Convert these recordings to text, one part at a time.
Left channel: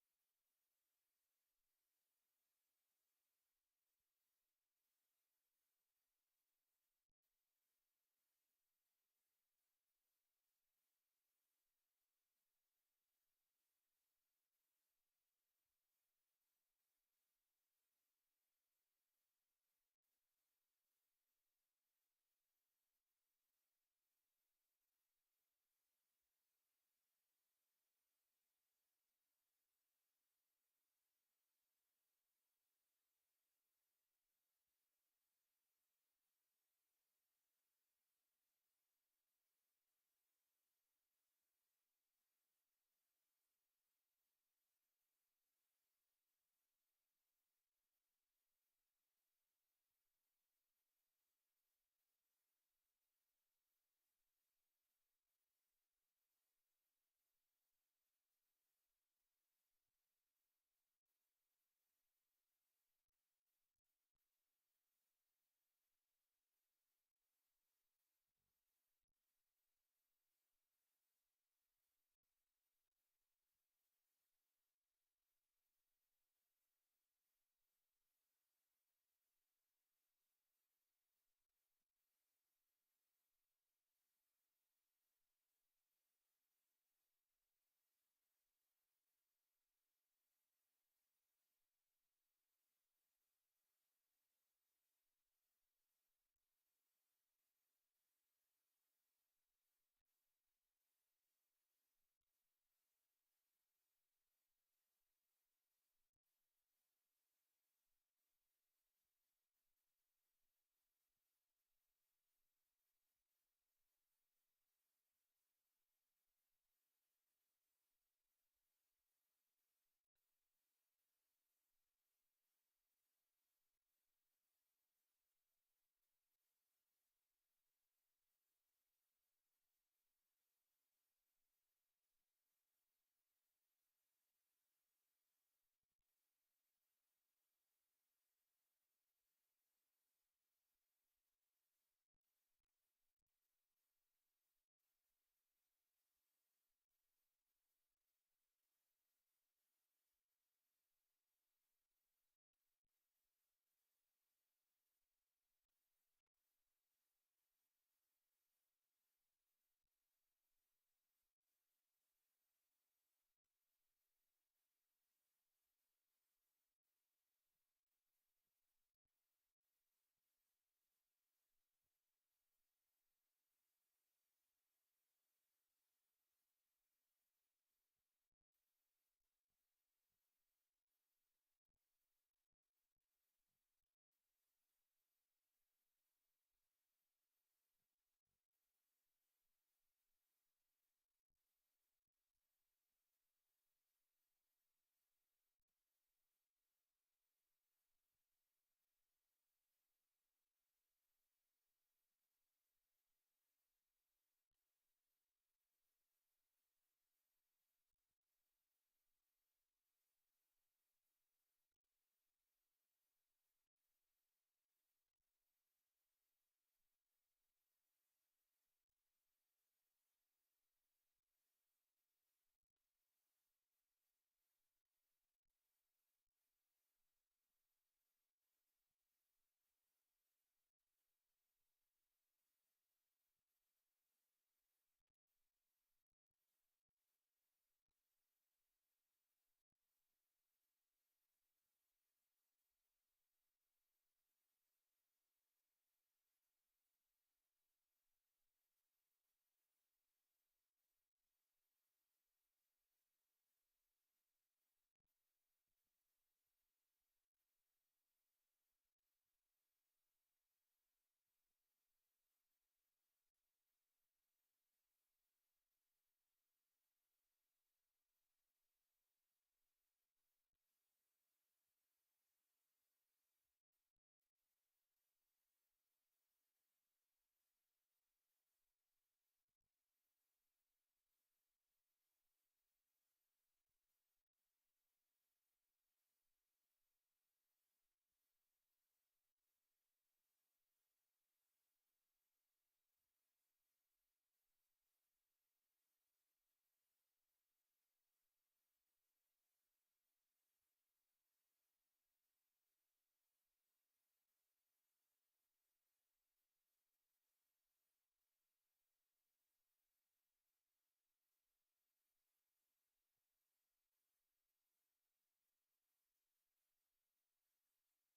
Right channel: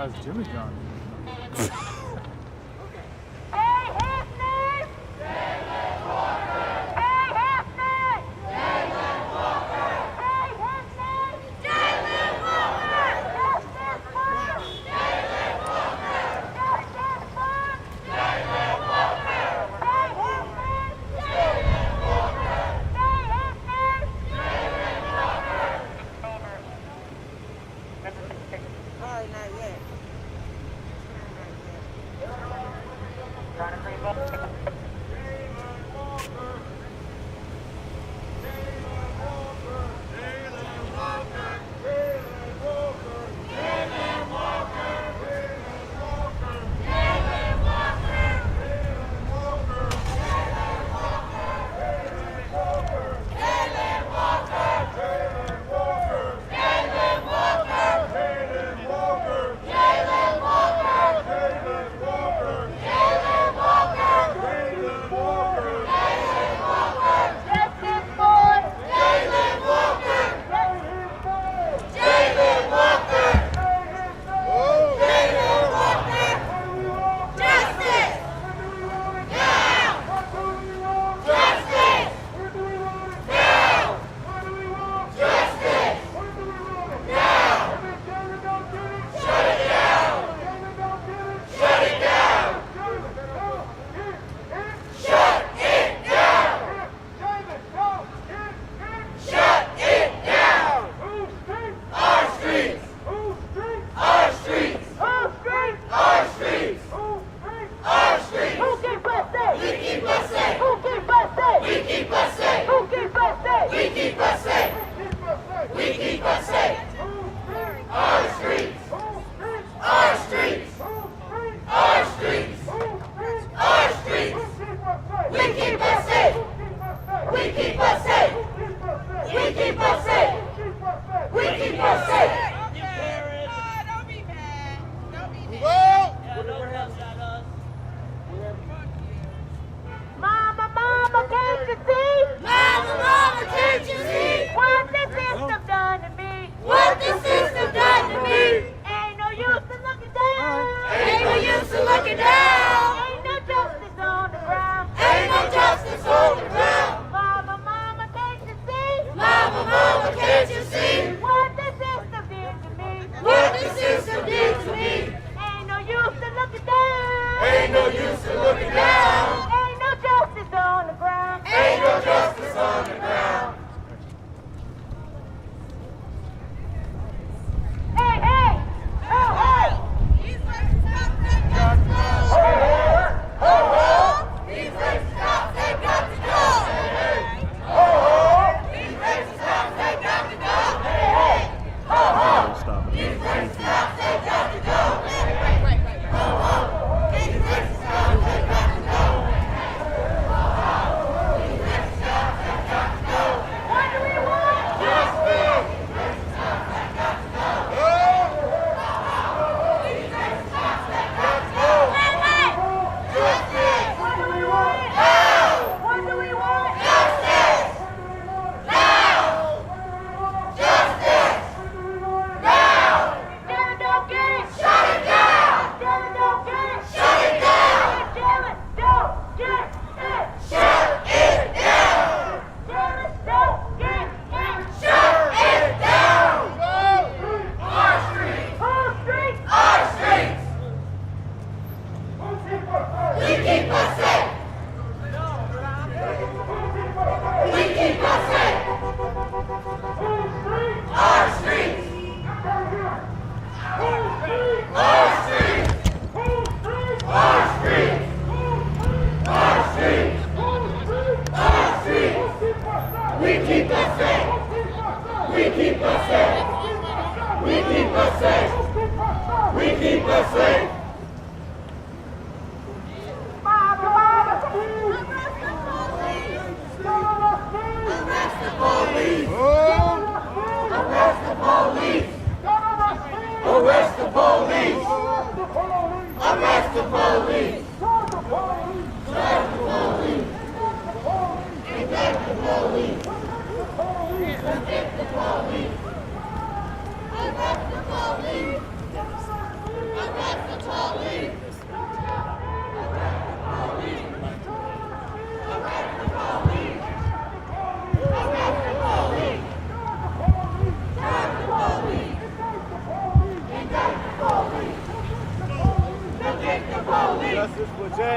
That's Jimmy John.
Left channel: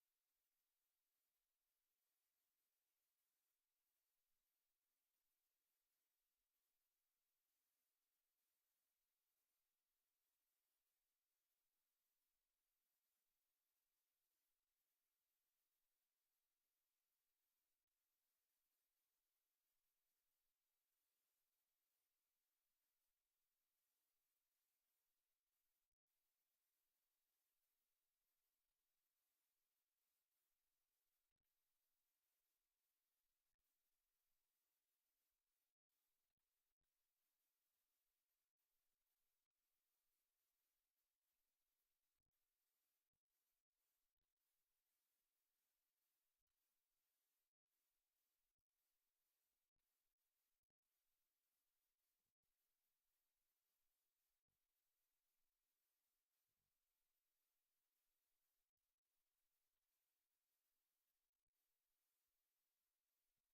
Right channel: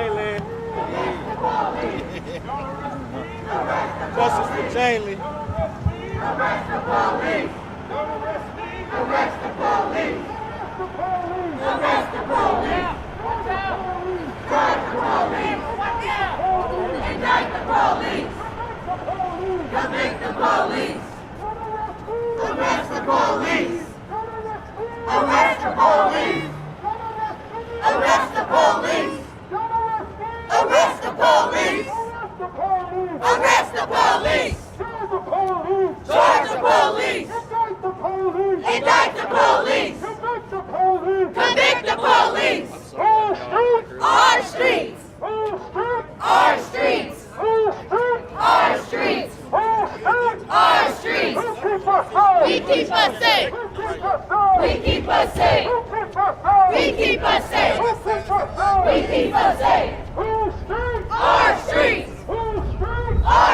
Jayland. Justice for Jayland. Arrest the police! Arrest the police! Arrest the police! Drive the police! Indict the police! Convict the police! Arrest the police! Arrest the police! Arrest the police! Arrest the police! Arrest the police! Charge the police! Indict the police! Convict the police! Our streets! Our streets! Our streets! Our streets! We keep us safe! We keep us safe! We keep us safe! We keep us safe! Our streets! Our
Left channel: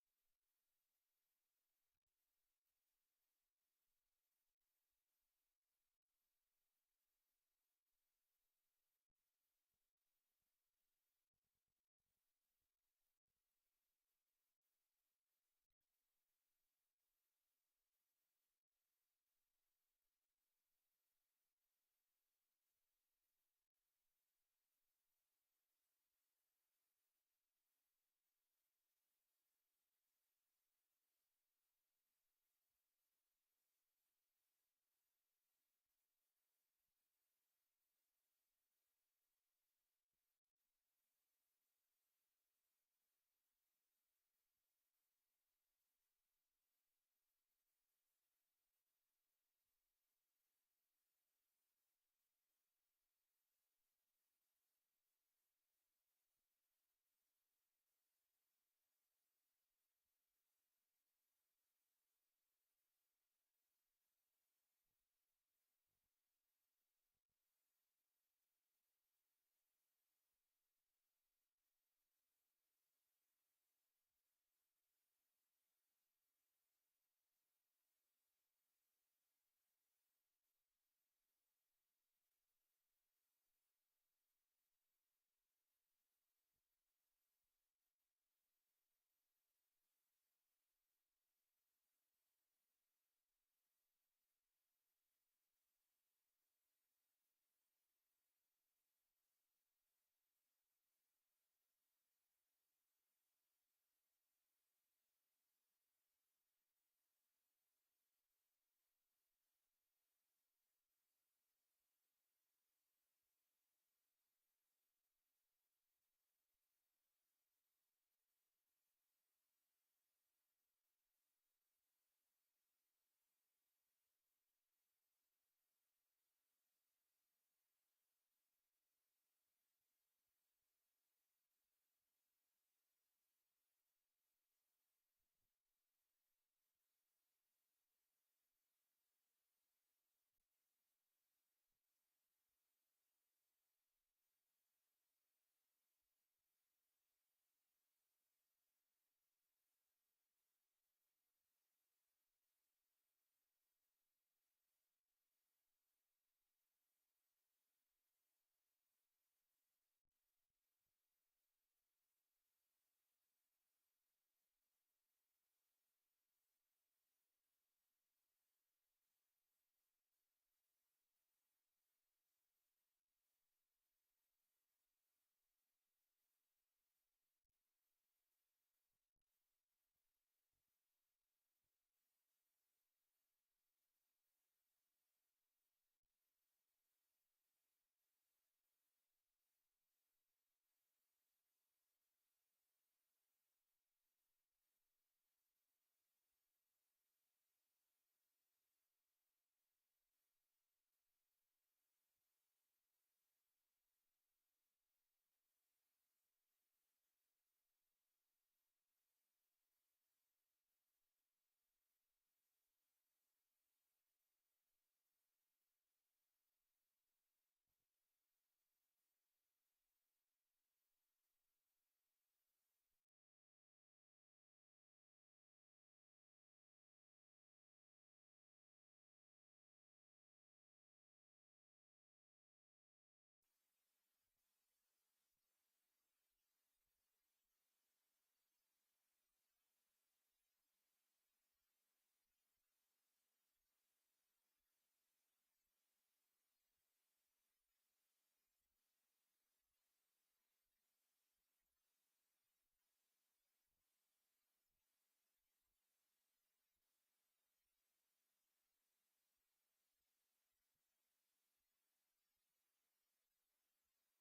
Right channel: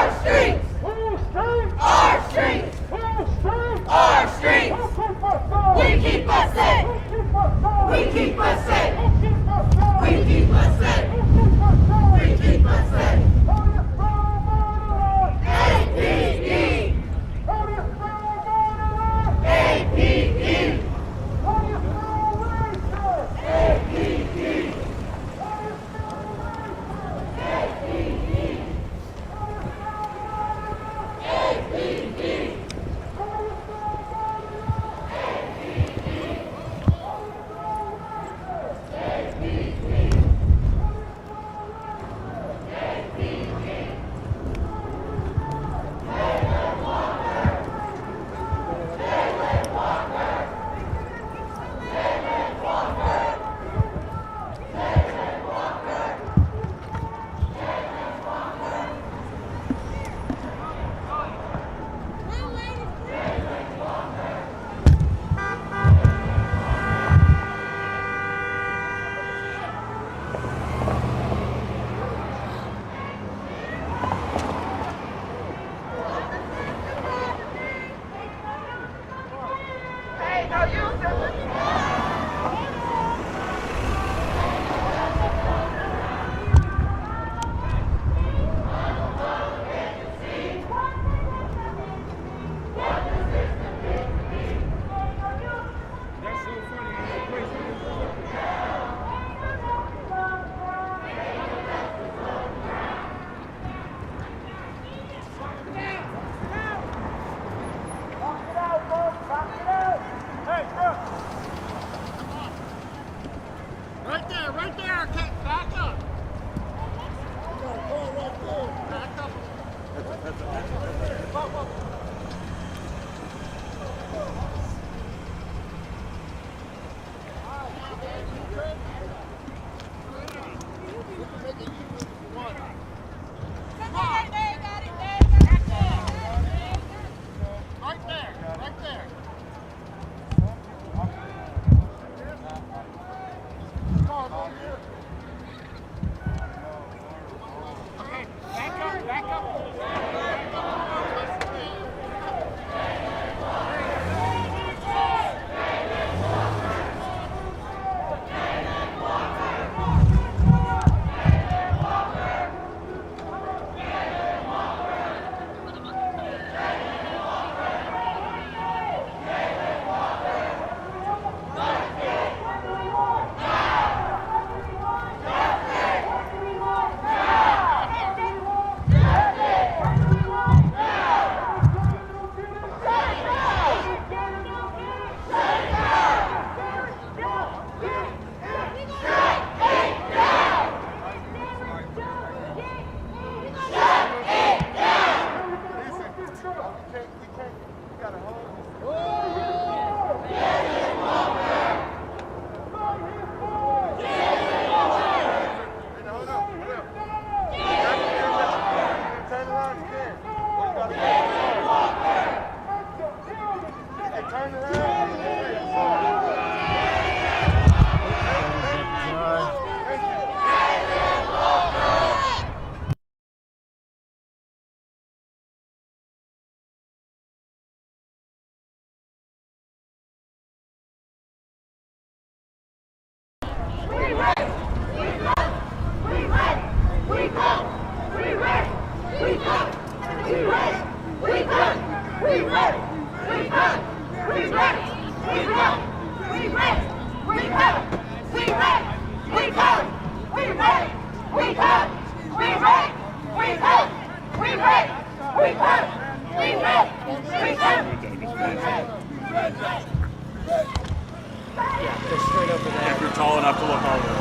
Just straight over there. If you're tall enough to look over.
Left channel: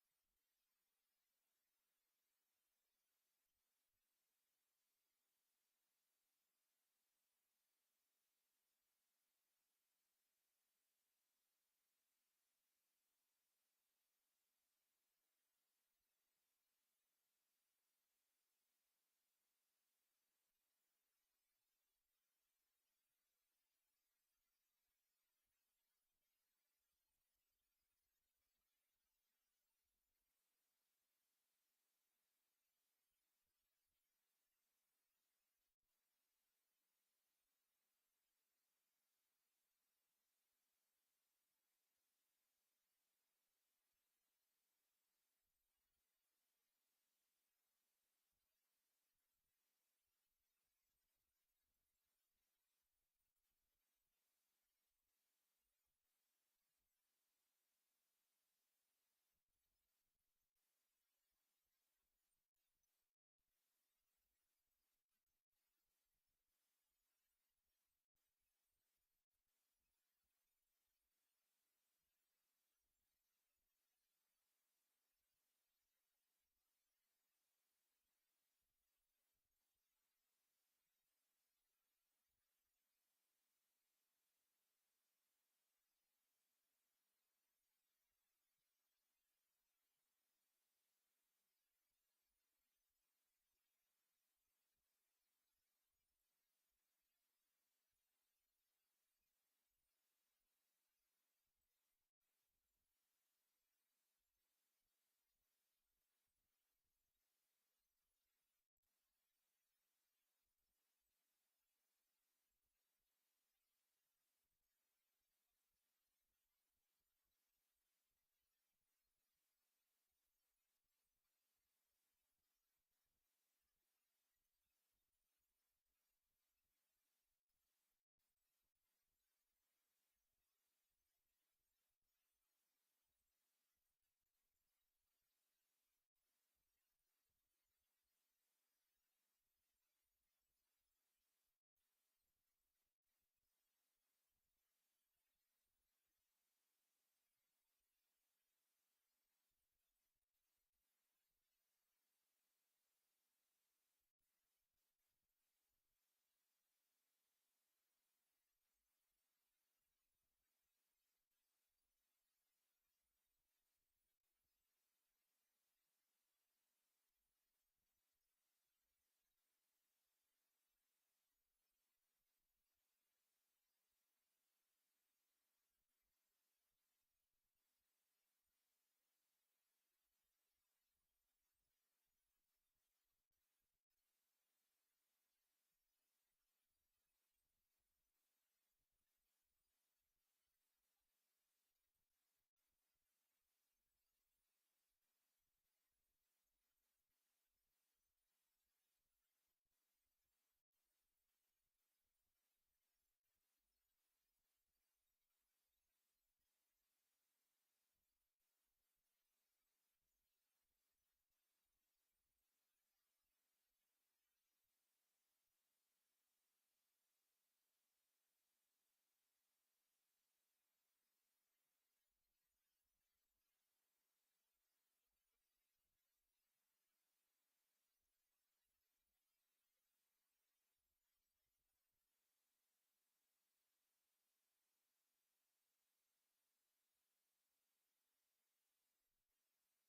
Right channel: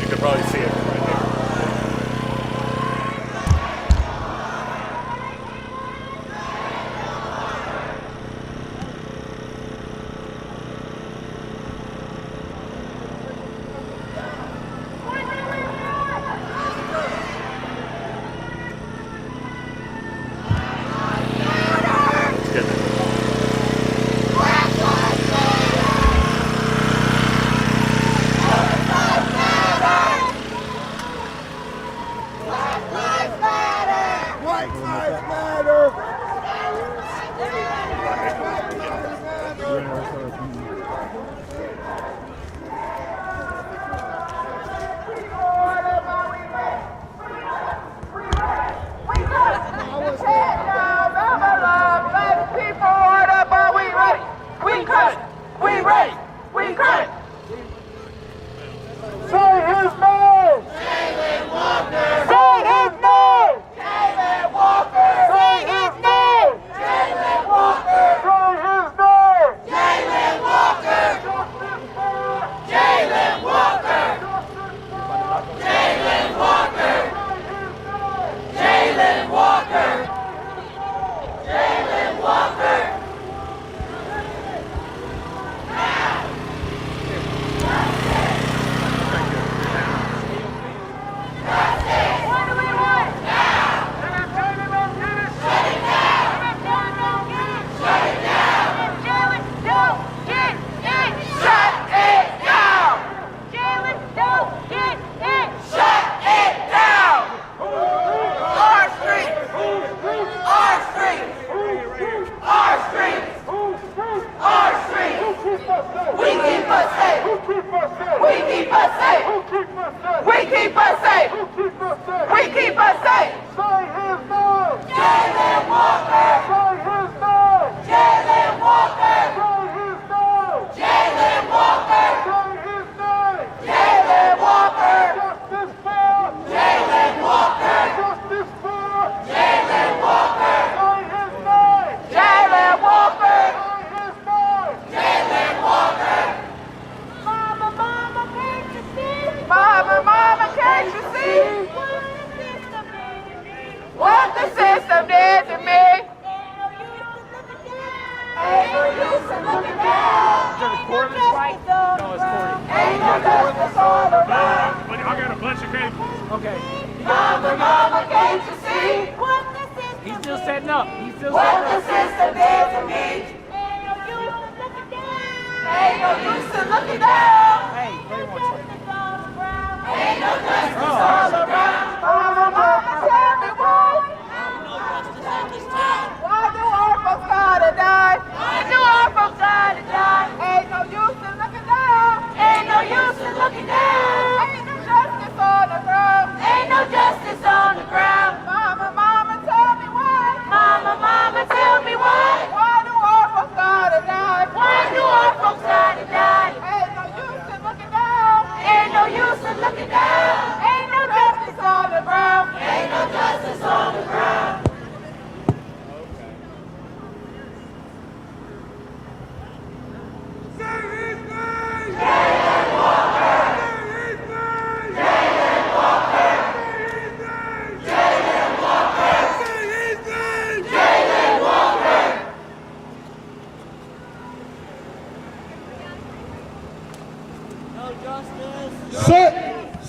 You could probably see it right there.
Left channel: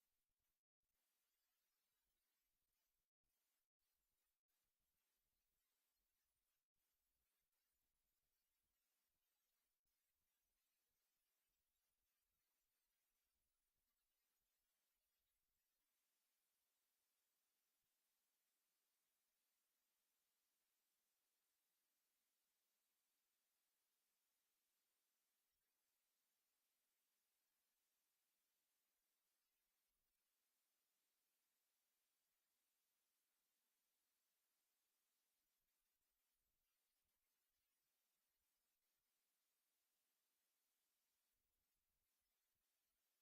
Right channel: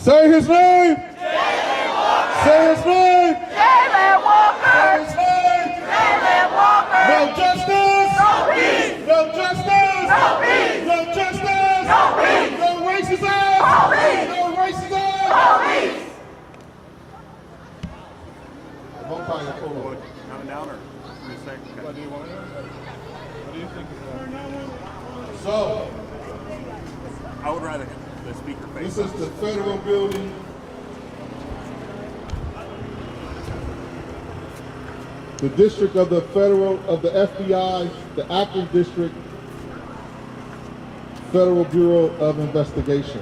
Say his name. Say his name. Jayland Walker. Say his name. Jayland Walker. No justice. No peace. No justice. No peace. No justice. No peace. No racism. Police. No racism. Police. Coming down or what do you want? What do you think? So, I would rather the speaker face. this is the federal building. The district of the FBI, the Akron District, Federal Bureau of Investigation.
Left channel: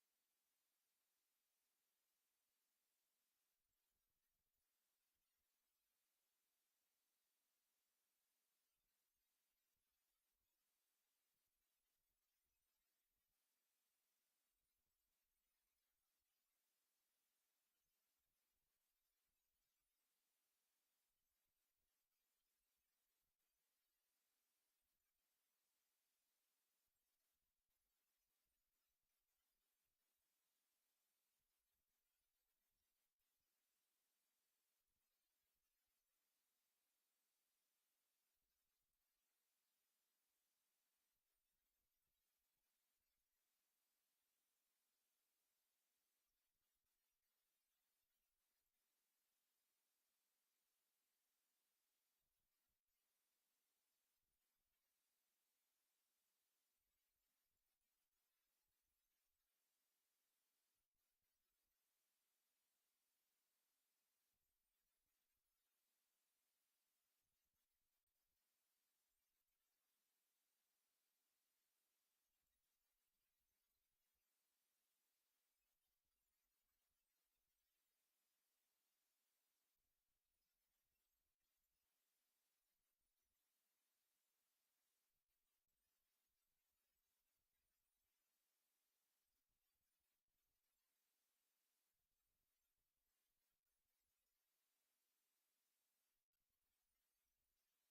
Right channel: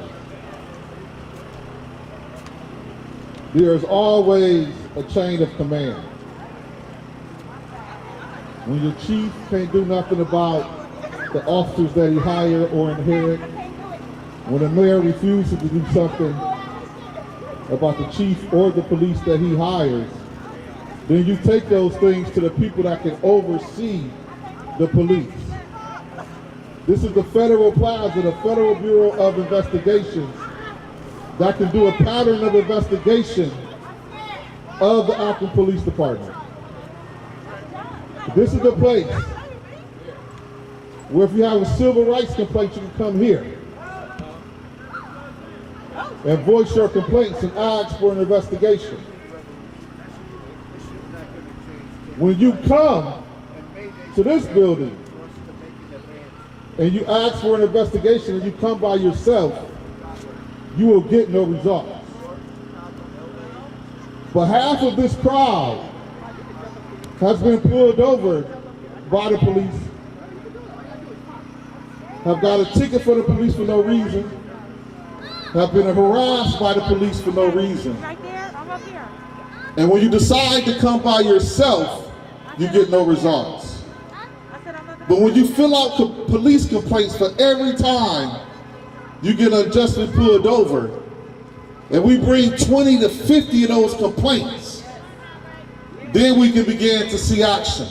there is always a chain of command. When your chief can't do nothing about the officers that he hired or inherit, when the mayor refuses to do something about the chief or the police that he hires, then you take those things to the people that can oversee the police. This is the Federal Plaza, the Federal Bureau of Investigations, that can do a pattern of investigation of the Akron Police Department. This is the place where if you have a civil rights complaint, you can come here and voice your complaints and ask for an investigation. When you come to this building and you ask for an investigation and you come by yourself, you will get no results. But half of this crowd has been pulled over by the police, have got a ticket for the police for no reason, have been harassed by the police for no reason. Right there, I'm up here. And when you decide to come by yourself, you get no results. But when you fill out police complaints for every time you get unjustly pulled over, and we bring 20 to 50 of those complaints, then we can begin to see action.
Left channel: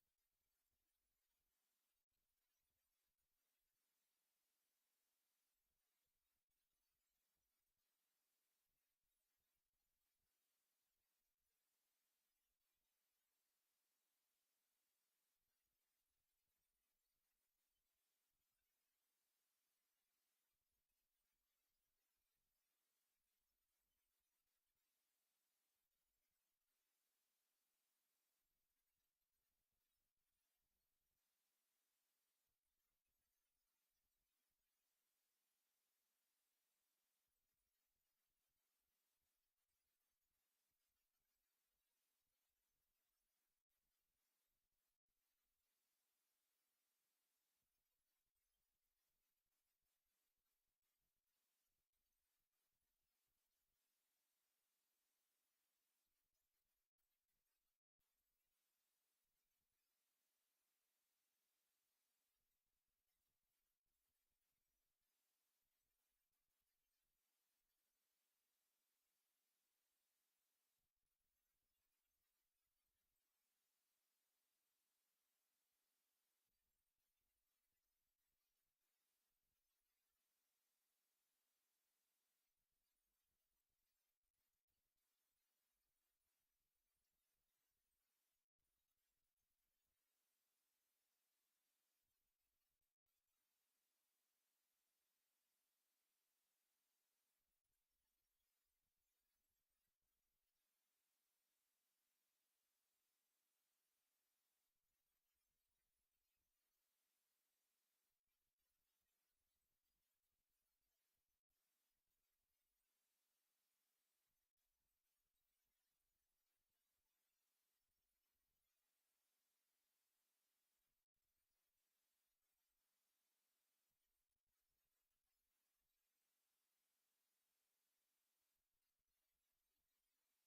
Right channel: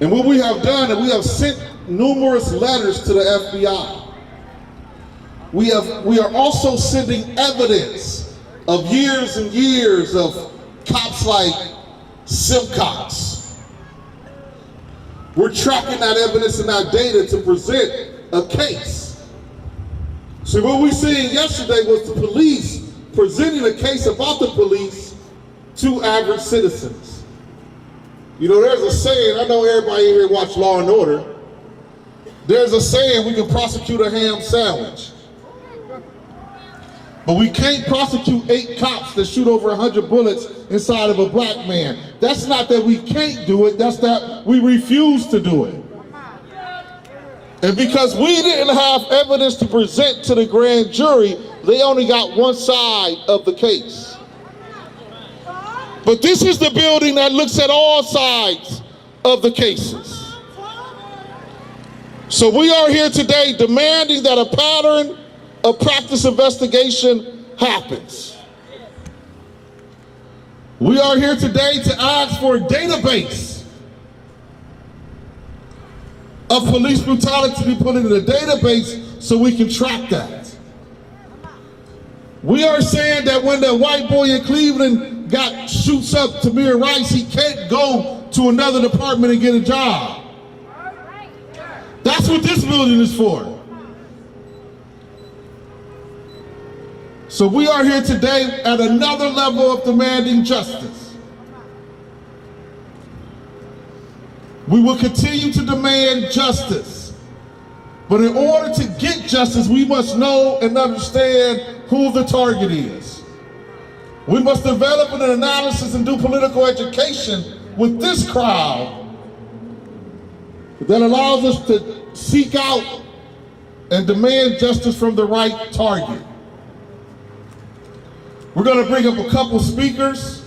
And what we have done is we have sent numerous letters to the FBI. We are also sending evidence of years and years of cops like Simcox. We're tracking that evidence and that data to present a case. So what we seen yesterday was the police presenting a case about the police to average citizens. You know, there's a saying, I know everybody here watch Law and Order. There's a saying, we can prosecute a ham sandwich. But we can't prosecute 8 cops that shoot over 100 bullets inside of a black man. That's not that we can't do it, that's that we refuse to do it. And because we didn't have evidence to present to the grand jury, they only got one side of the case. But this is the building that looks at all sides of the cases. So we are here today demanding that a pattern of practice investigation happens. We are here today to ask for a database of police brutality to be put into the database so we can track that. We are saying that when the white boy in Cleveland shoots up Tamir Rice, he can't go to another department and get a job. That's what this building is for. So we are here today at another level of demanding justice. We will continue to demand justice. But in order to get justice, we must know and understand who the target is. We must develop an analysis and do political education with this crowd that allows us to seek out and demand justice from the right target. We're going to bring up a couple speakers.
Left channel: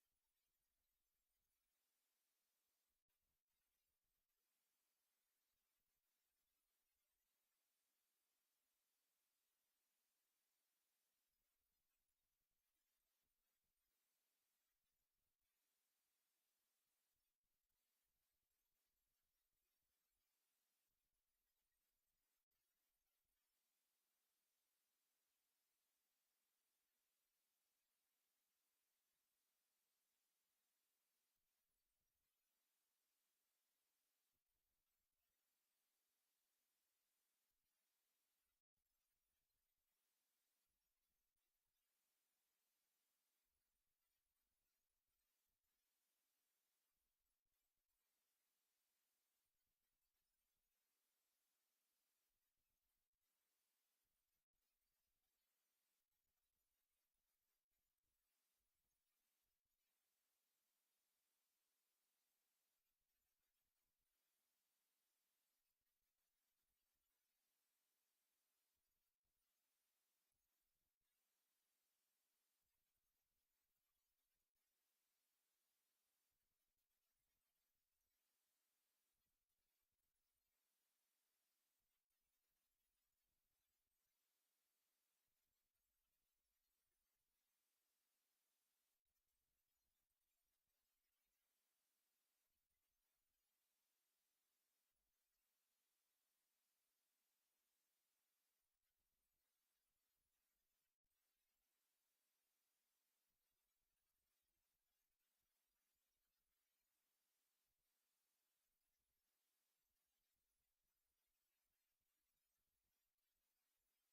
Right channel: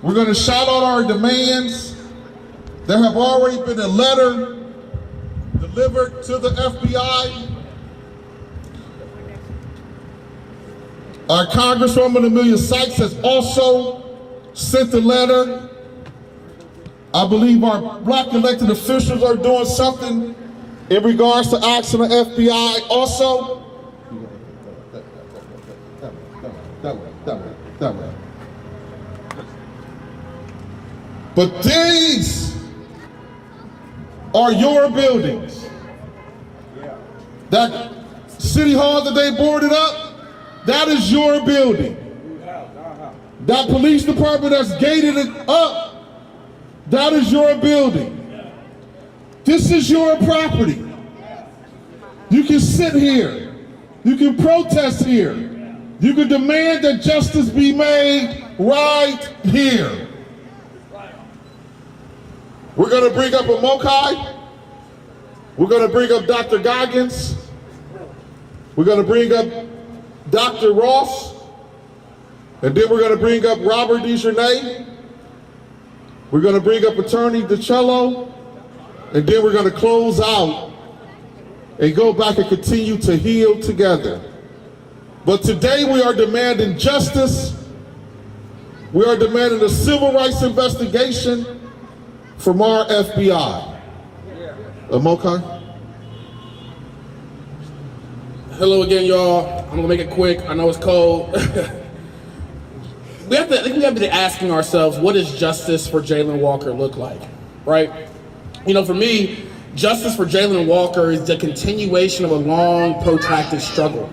We're going to shout out our demands. There have already been a letter delivered to the FBI. Our Congresswoman Amelia Sykes has also sent a letter. I believe our black elected officials are doing something in regards to asking the FBI also. That way. But these are your buildings. That city hall that they boarded up, that is your building. That police department that's gated it up, that is your building. This is your property. You can sit here. You can protest here. You can demand that justice be made right here. We're going to bring up a Mokai. We're going to bring up Dr. Goggins. We're going to bring up Dr. Ross, and then we're going to bring up Robert DeJournay. We're going to bring up Attorney DiCello, and then we're going to close out and go back and continue to heal together. But today we are demanding justice. We are demanding a civil rights investigation from our FBI. Mokai? Hello again, y'all. I'm gonna make it quick. I know it's cold. I think we have to be asking ourselves, what does justice for Jayland Walker look like, right? You know, for me, justice for Jayland Walker is the continuation of a long, protracted struggle.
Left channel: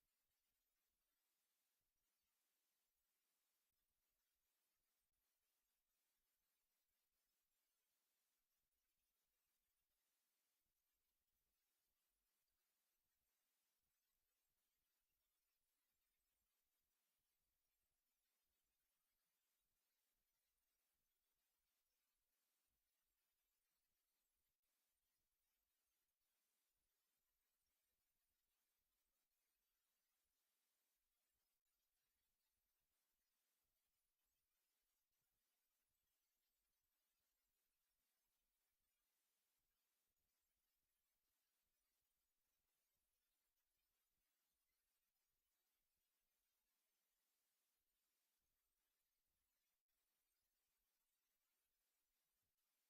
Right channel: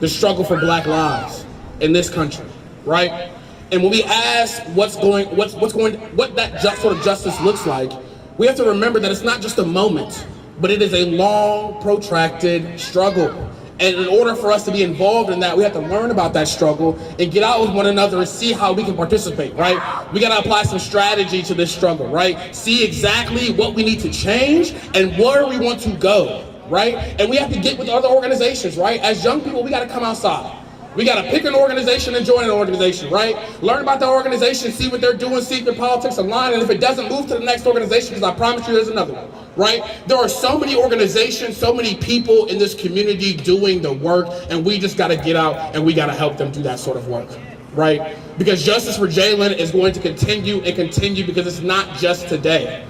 The struggle for black lives in this country, right? And when we ask what that sort of justice looks like, we have to remember that it's not just a moment, but it is a long, protracted struggle. And in order for us to be involved in that, we have to learn about that struggle and get out with one another and see how we can participate, right? We gotta apply some strategy to this struggle, right? See exactly what we need to change and where we want to go, right? And we have to get with other organizations, right? As young people, we gotta come outside. We gotta pick an organization and join an organization, right? Learn about the organization, see what they're doing, see if their politics align, and if it doesn't, move to the next organization, because I promise you there's another one, right? There are so many organizations, so many people in this community doing the work, and we just gotta get out and we gotta help them do that sort of work, right? Because justice for Jayland is going to continue and continue, because it's not just today.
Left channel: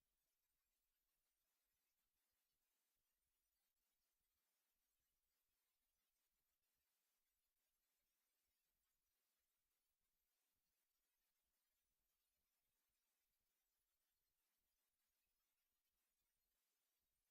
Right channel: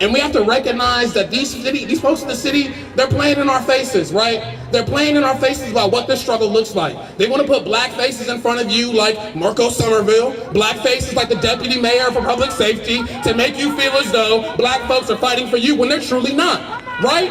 And we have to recognize that these folks in the city, they're playing in our faces, right? They're playing in our faces about what this struggle looks like. They want to put black faces in front of you like Marco Somerville, black faces like the deputy mayor for public safety, to make you feel as though black folks are fighting for you when they're truly not, right?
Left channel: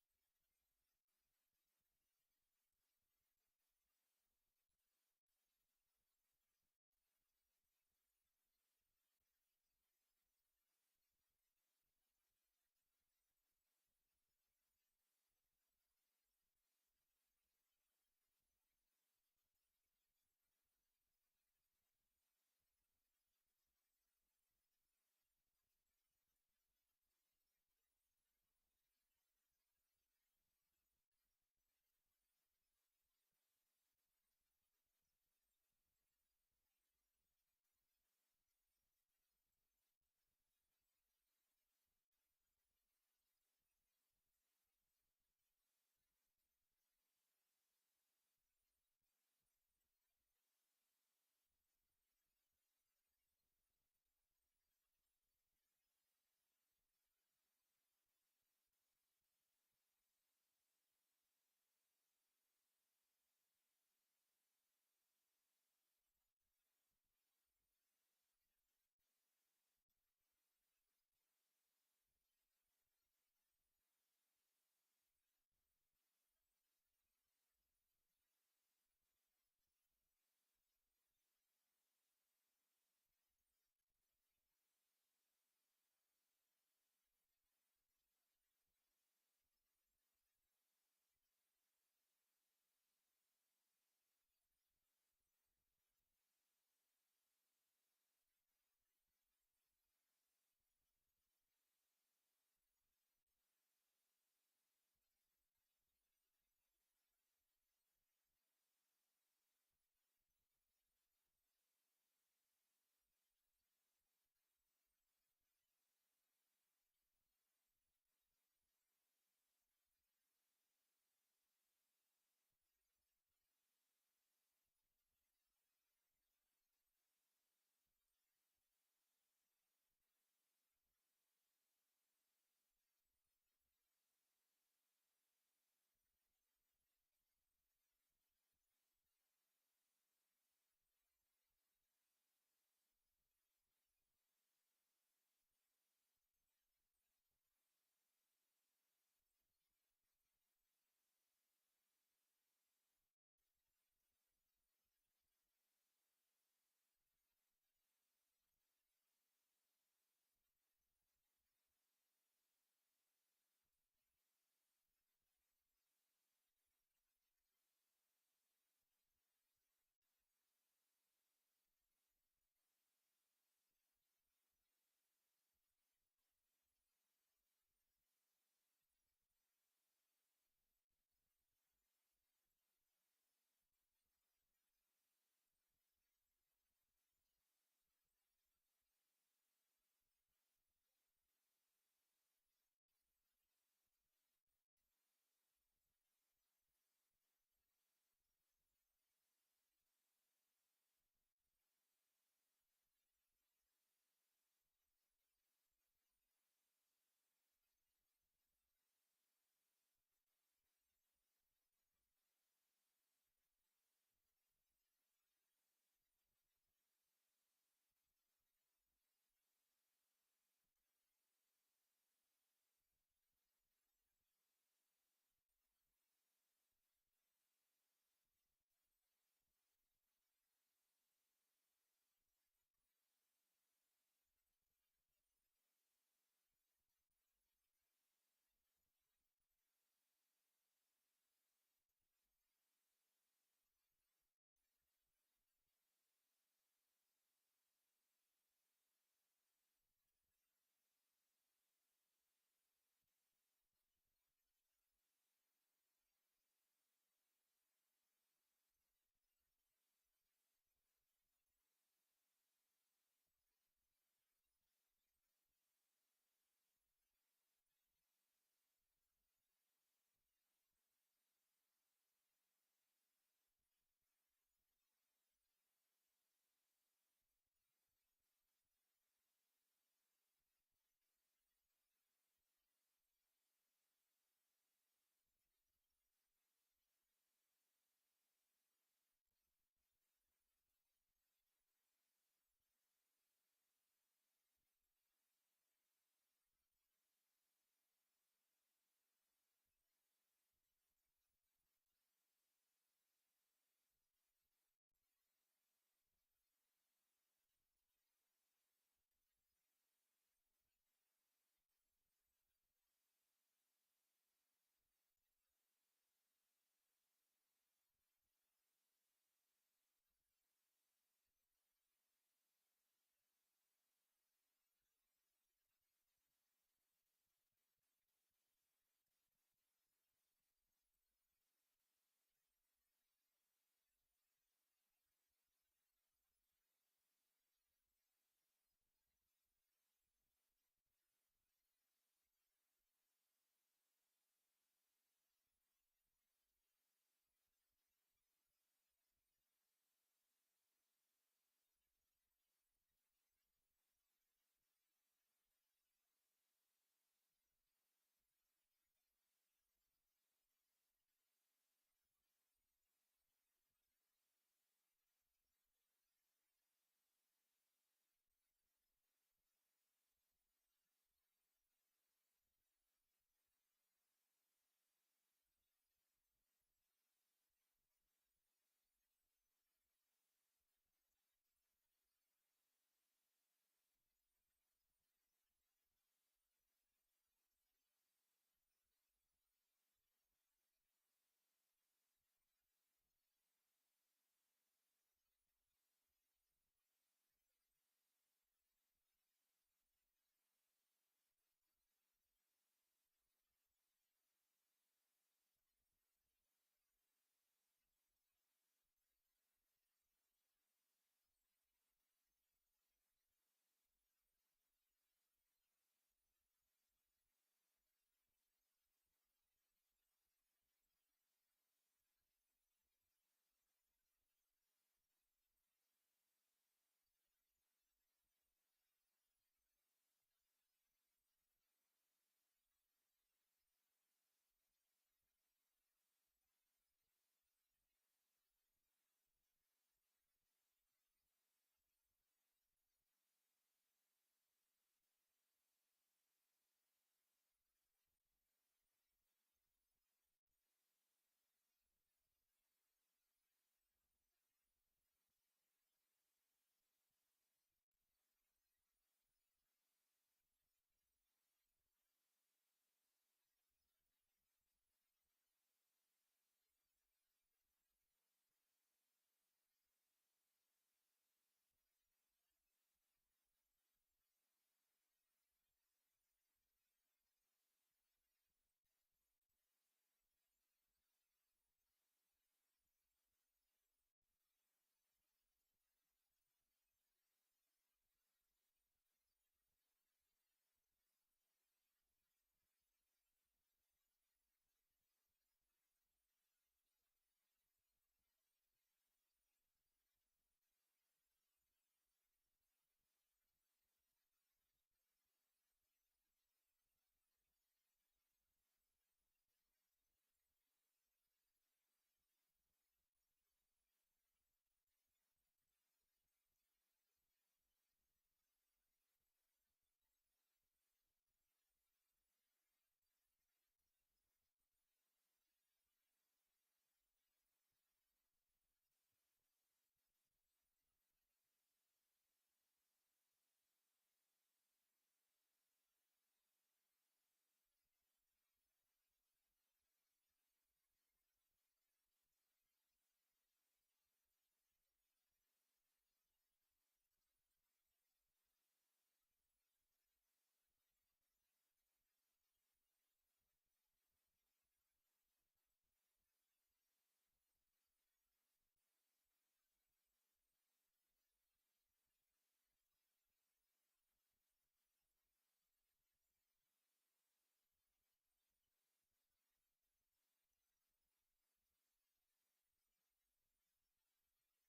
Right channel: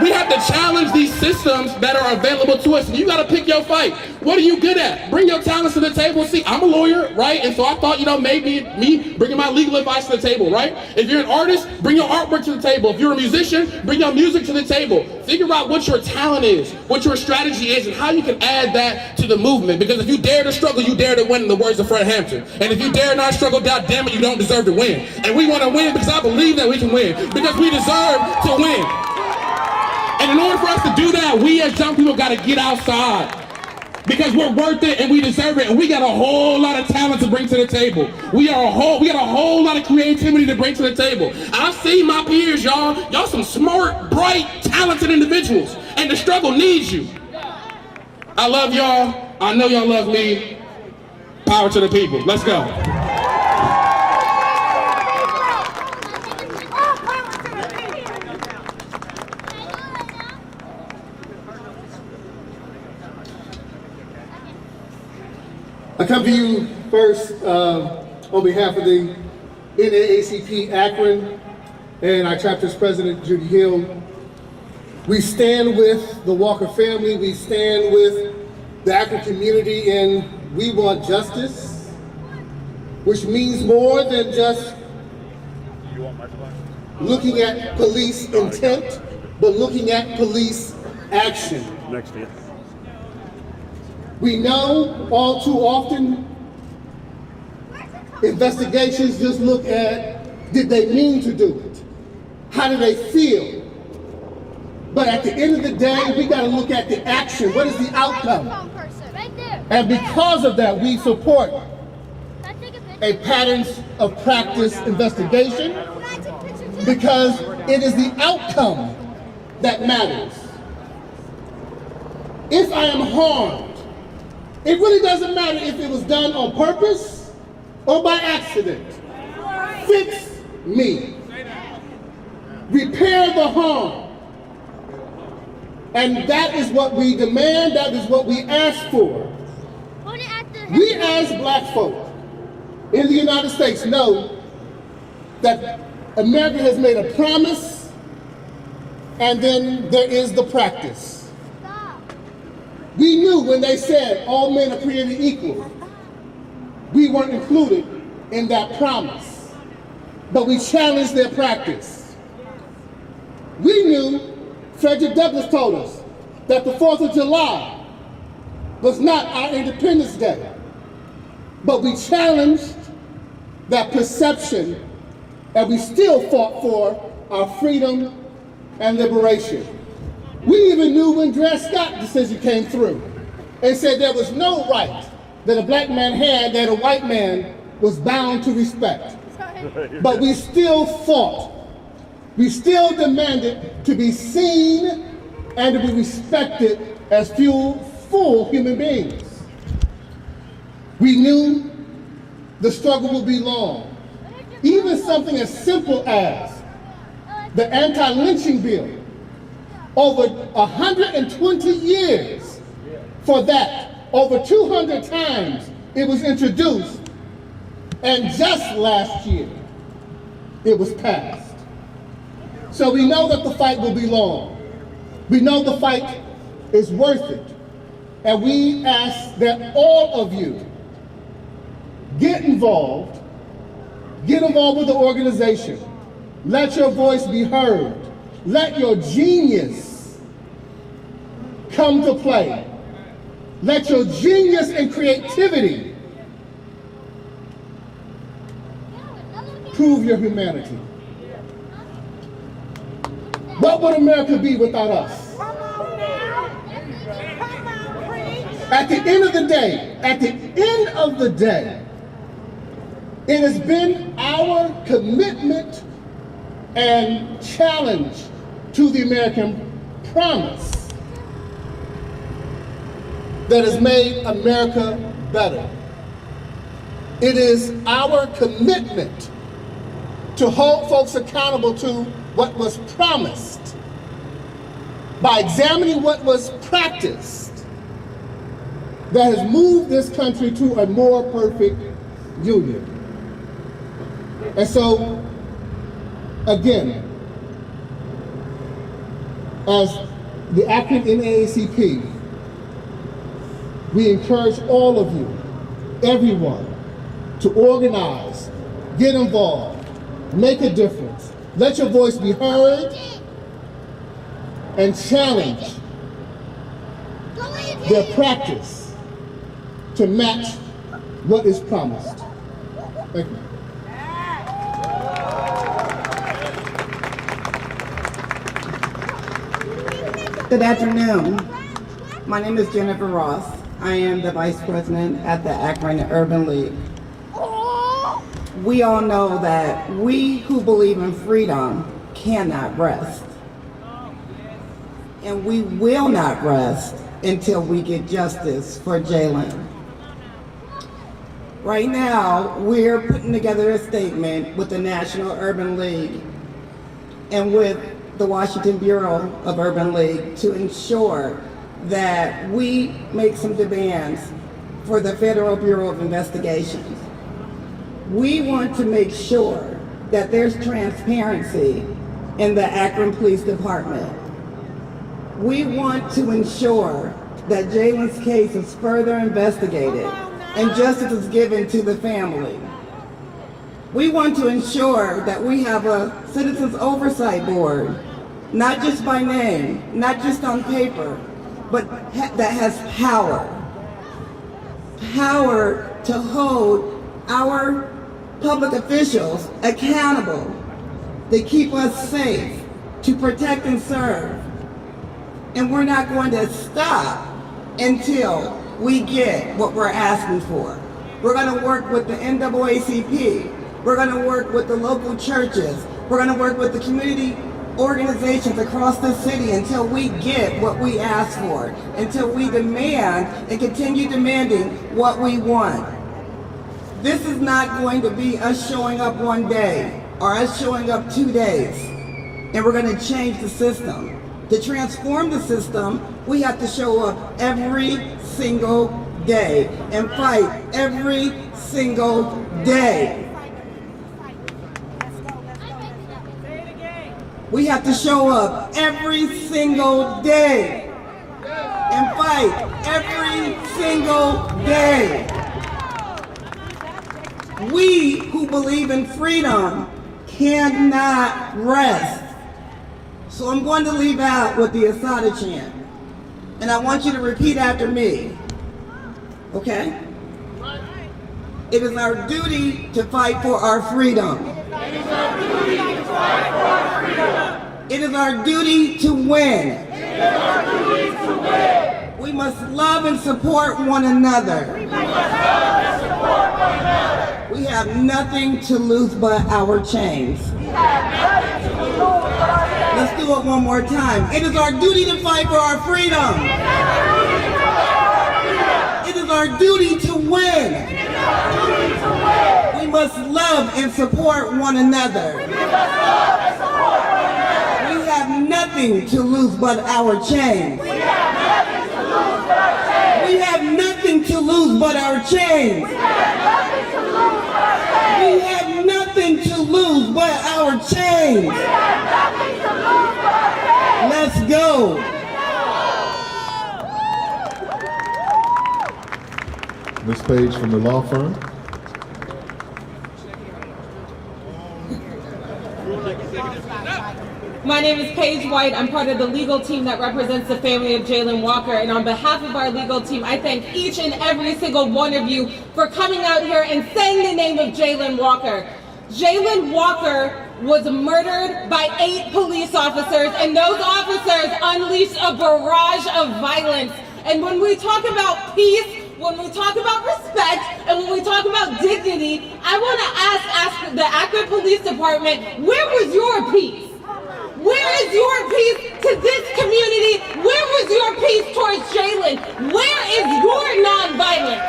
We have to challenge these systems that are available to us. You gotta pick your fight. What are you good at? Bring your talents to the table. See, I'm a lawyer, right? And so I thought, maybe me bringing my legal advice to the table, right? If you're an artist, bring your artwork to the table. If you're a musician, bring your music to the table. Figure out what your talent is, what your strategy is, and how you can add that to the movement. Because if you dare to struggle, you dare to win, in the words of Fred Hampton. And if you dare not struggle, God damn it, you don't deserve to win. And we wanna win because I believe that we can win, because we deserve to win. And in order for us to do that, we as young people gotta get outside, because we're worth it and we deserve it, and we got a whole lot of talent to bring to the table. We got a whole lot of creativity to bring to the table. I've seen my peers, y'all some smart, bright, talented individuals, and the struggle needs you. I love y'all. I know y'all love me. Power to the people. Let's go. I come to you first on behalf of the NAACP Akron and our chapter's president, Judy Hill. We stand with the Walker family, we stand with the Akron community, and we want justice, which means more than just looking at police intent, but looking at police action. Next to you. We know all too often investigations just look at, did they mean to do it? How do they feel? But at the end of the day, we gotta look at the action. What is the outcome? And because of that, we support a patterns of practice investigation, because it is the outcome that matters. If I am harmed, it really doesn't matter if it was done on purpose or by accident. Fix me. Repair the harm. And that is what we demand, that is what we ask for. We as black folk in the United States know that America has made a promise, and then there is the practice. We knew when they said all men are created equal, we weren't included in that promise, but we challenged their practice. We knew, Frederick Douglass told us, that the 4th of July was not our Independence Day, but we challenged that perception, and we still fought for our freedom and liberation. We even knew when Dred Scott's decision came through and said there was no right that a black man had that a white man was bound to respect. But we still fought. We still demanded to be seen and to be respected as full human beings. We knew the struggle would be long. Even something as simple as the anti-lynching bill, over 120 years for that, over 200 times it was introduced, and just last year it was passed. So we know that the fight will be long. We know the fight is worth it. And we ask that all of you get involved with the organization. Let your voice be heard. Let your genius come to play. Let your genius and creativity prove your humanity. What would America be without us? At the end of the day, it has been our commitment and challenge to the American promise that has made America better. It is our commitment to hold folks accountable to what was promised by examining what was practiced that has moved this country to a more perfect union. And so, again, as the Akron NAACP, we encourage all of you, everyone, to organize, get involved, make a difference. Let your voice be heard and challenge their practice to match what is promised. Thank you. Good afternoon. My name is Jennifer Ross. I am the Vice President at the Akron Urban League. We all know that we who believe in freedom cannot rest. And we will not rest until we get justice for Jayland. Right now, we're putting together a statement with the National Urban League and with the Washington Bureau of Urban League to ensure that we make some demands for the Federal Bureau of Investigations. We want to make sure that there's transparency in the Akron Police Department. We want to ensure that Jayland's case is further investigated and justice is given to the family. We want to ensure that we have a Citizens Oversight Board, not just by name, not just on paper, but that has power. Power to hold our public officials accountable, to keep us safe, to protect and serve. And we're not going to stop until we get what we're asking for. We're going to work with the NAACP. We're going to work with the local churches. We're going to work with the community organizations across the city until we get what we ask for, until we demand and continue demanding what we want. This is not going to be us showing up one day or us showing up 2 days and we're going to change the system. To transform the system, we have to show up every single day and fight every single day. We have to show up every single day and fight every single day. We who believe in freedom cannot rest. So I'm going to leave out with the Asada chant. And I want you to repeat after me. Okay? It is our duty to fight for our freedom. It is our duty to fight for our freedom. It is our duty to win. It is our duty to win. We must must love and support one another. We have nothing to lose but our chains. Let's do it one more time. It is our duty to fight for our freedom. It is our duty to win. We must love and support one another. We have nothing to lose but our chains. We have nothing to lose but our chains. We have nothing to lose but our chains. Let's go. Ms. Page from the law firm. My name is Paige White. I'm part of the legal team that represents the family of Jayland Walker. And on behalf of our legal team, I thank each and every single one of you for coming out here and saying the name of Jayland Walker. Jayland Walker was murdered by 8 police officers, and those officers unleashed a barrage of violence. And when we talk about peace, when we talk about respect, and when we talk about dignity, I want to ask the Akron Police Department, where was your peace? Where is your peace to this community? Where was your peace towards Jayland? Where is your nonviolence?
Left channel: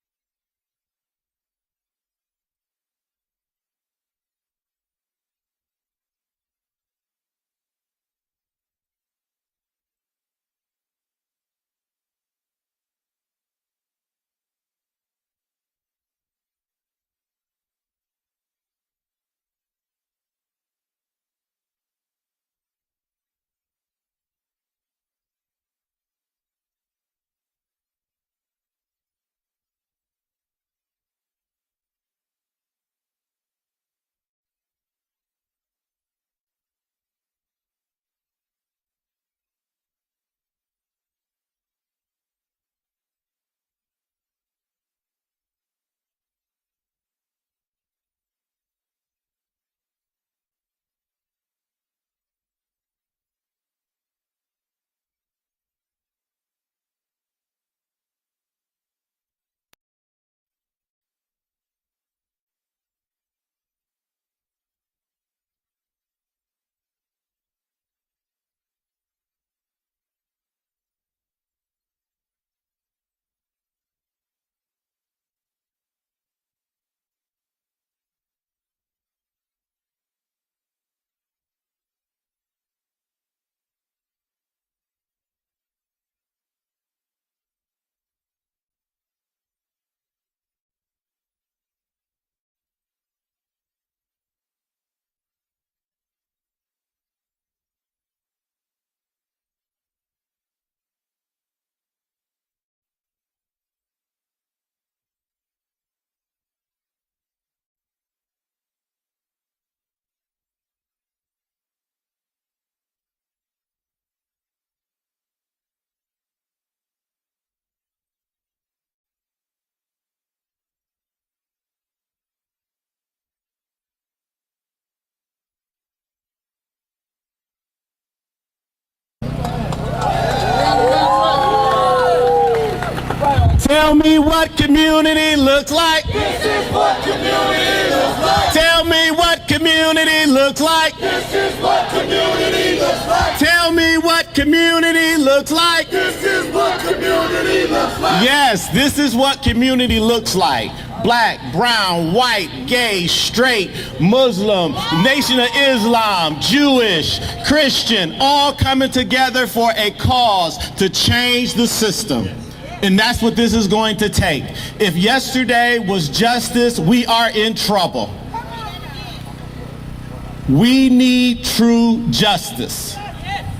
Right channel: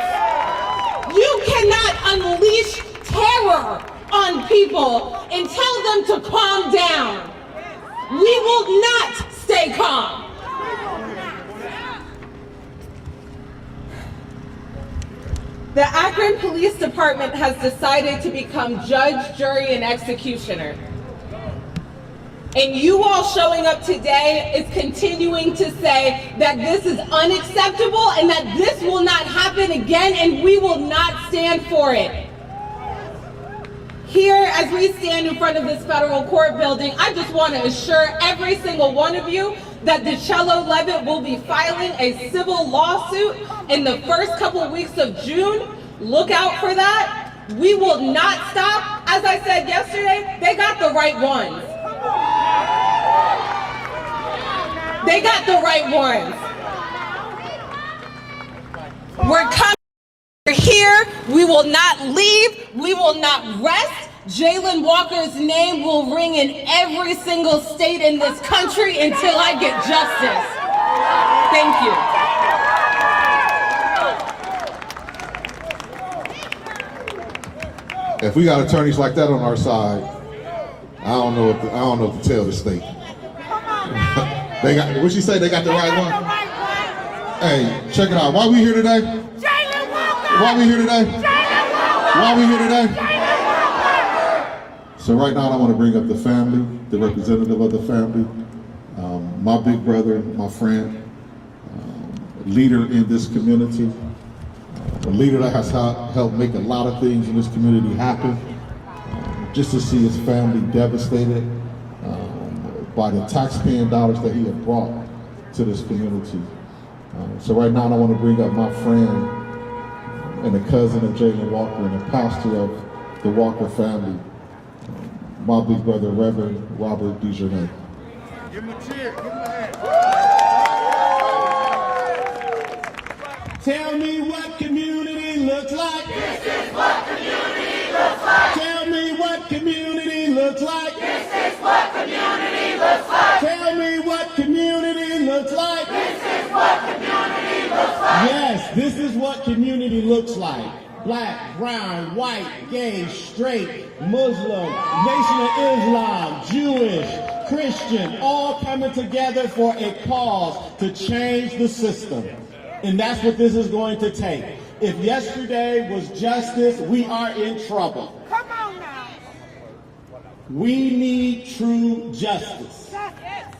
You cannot unleash terror on people and tell them to calm down. We will not stay calm. The Akron Police Department has decided to become judge, jury, and executioner. And you all showing up today is continuing to say that this is unacceptable and that this will not happen again, and we will not stand for it. Here, as we stand in front of this federal court building, I just want to assure every single one of you that DeCello Levitt will be filing a civil lawsuit in the first couple of weeks of June. Look out for that. We will not stop. As I said yesterday, they got the right ones. They got the right ones. We're coming. We're here. We will not leave. We will not rest. Jayland Walker's name will ring in every single state in this country until I get justice. Thank you. If we got attorneys like that on our side, I don't know what to tell the state. They got, what she say? They got the right one. Hey, check it out. Why we here today? Why we here today? Why we here today? So right now I want to bring up the family, the representative of the family, my big brother, my friend, leader in this community, a leader that has helped make a lot of things in this community happen. Just to see his family devastated by the taxpaying dollars that he had brought to this community. So right now I want to bring up my friend and a cousin of Jayland Walker and a pastor of the Walker family, my big brother, Reverend Robert DeJournay. Give him a cheer. Tell me what community looks like. This is what community looks like. Tell me what community looks like. This is what community looks like. Tell me what community looks like. This is what community looks like. Yes, this is what community looks like. Black, brown, white, gay, straight, Muslim, Nation of Islam, Jewish, Christian, all coming together for a cause to change the system. And that's what this is going to take. If yesterday was justice, we are in trouble. We need true justice.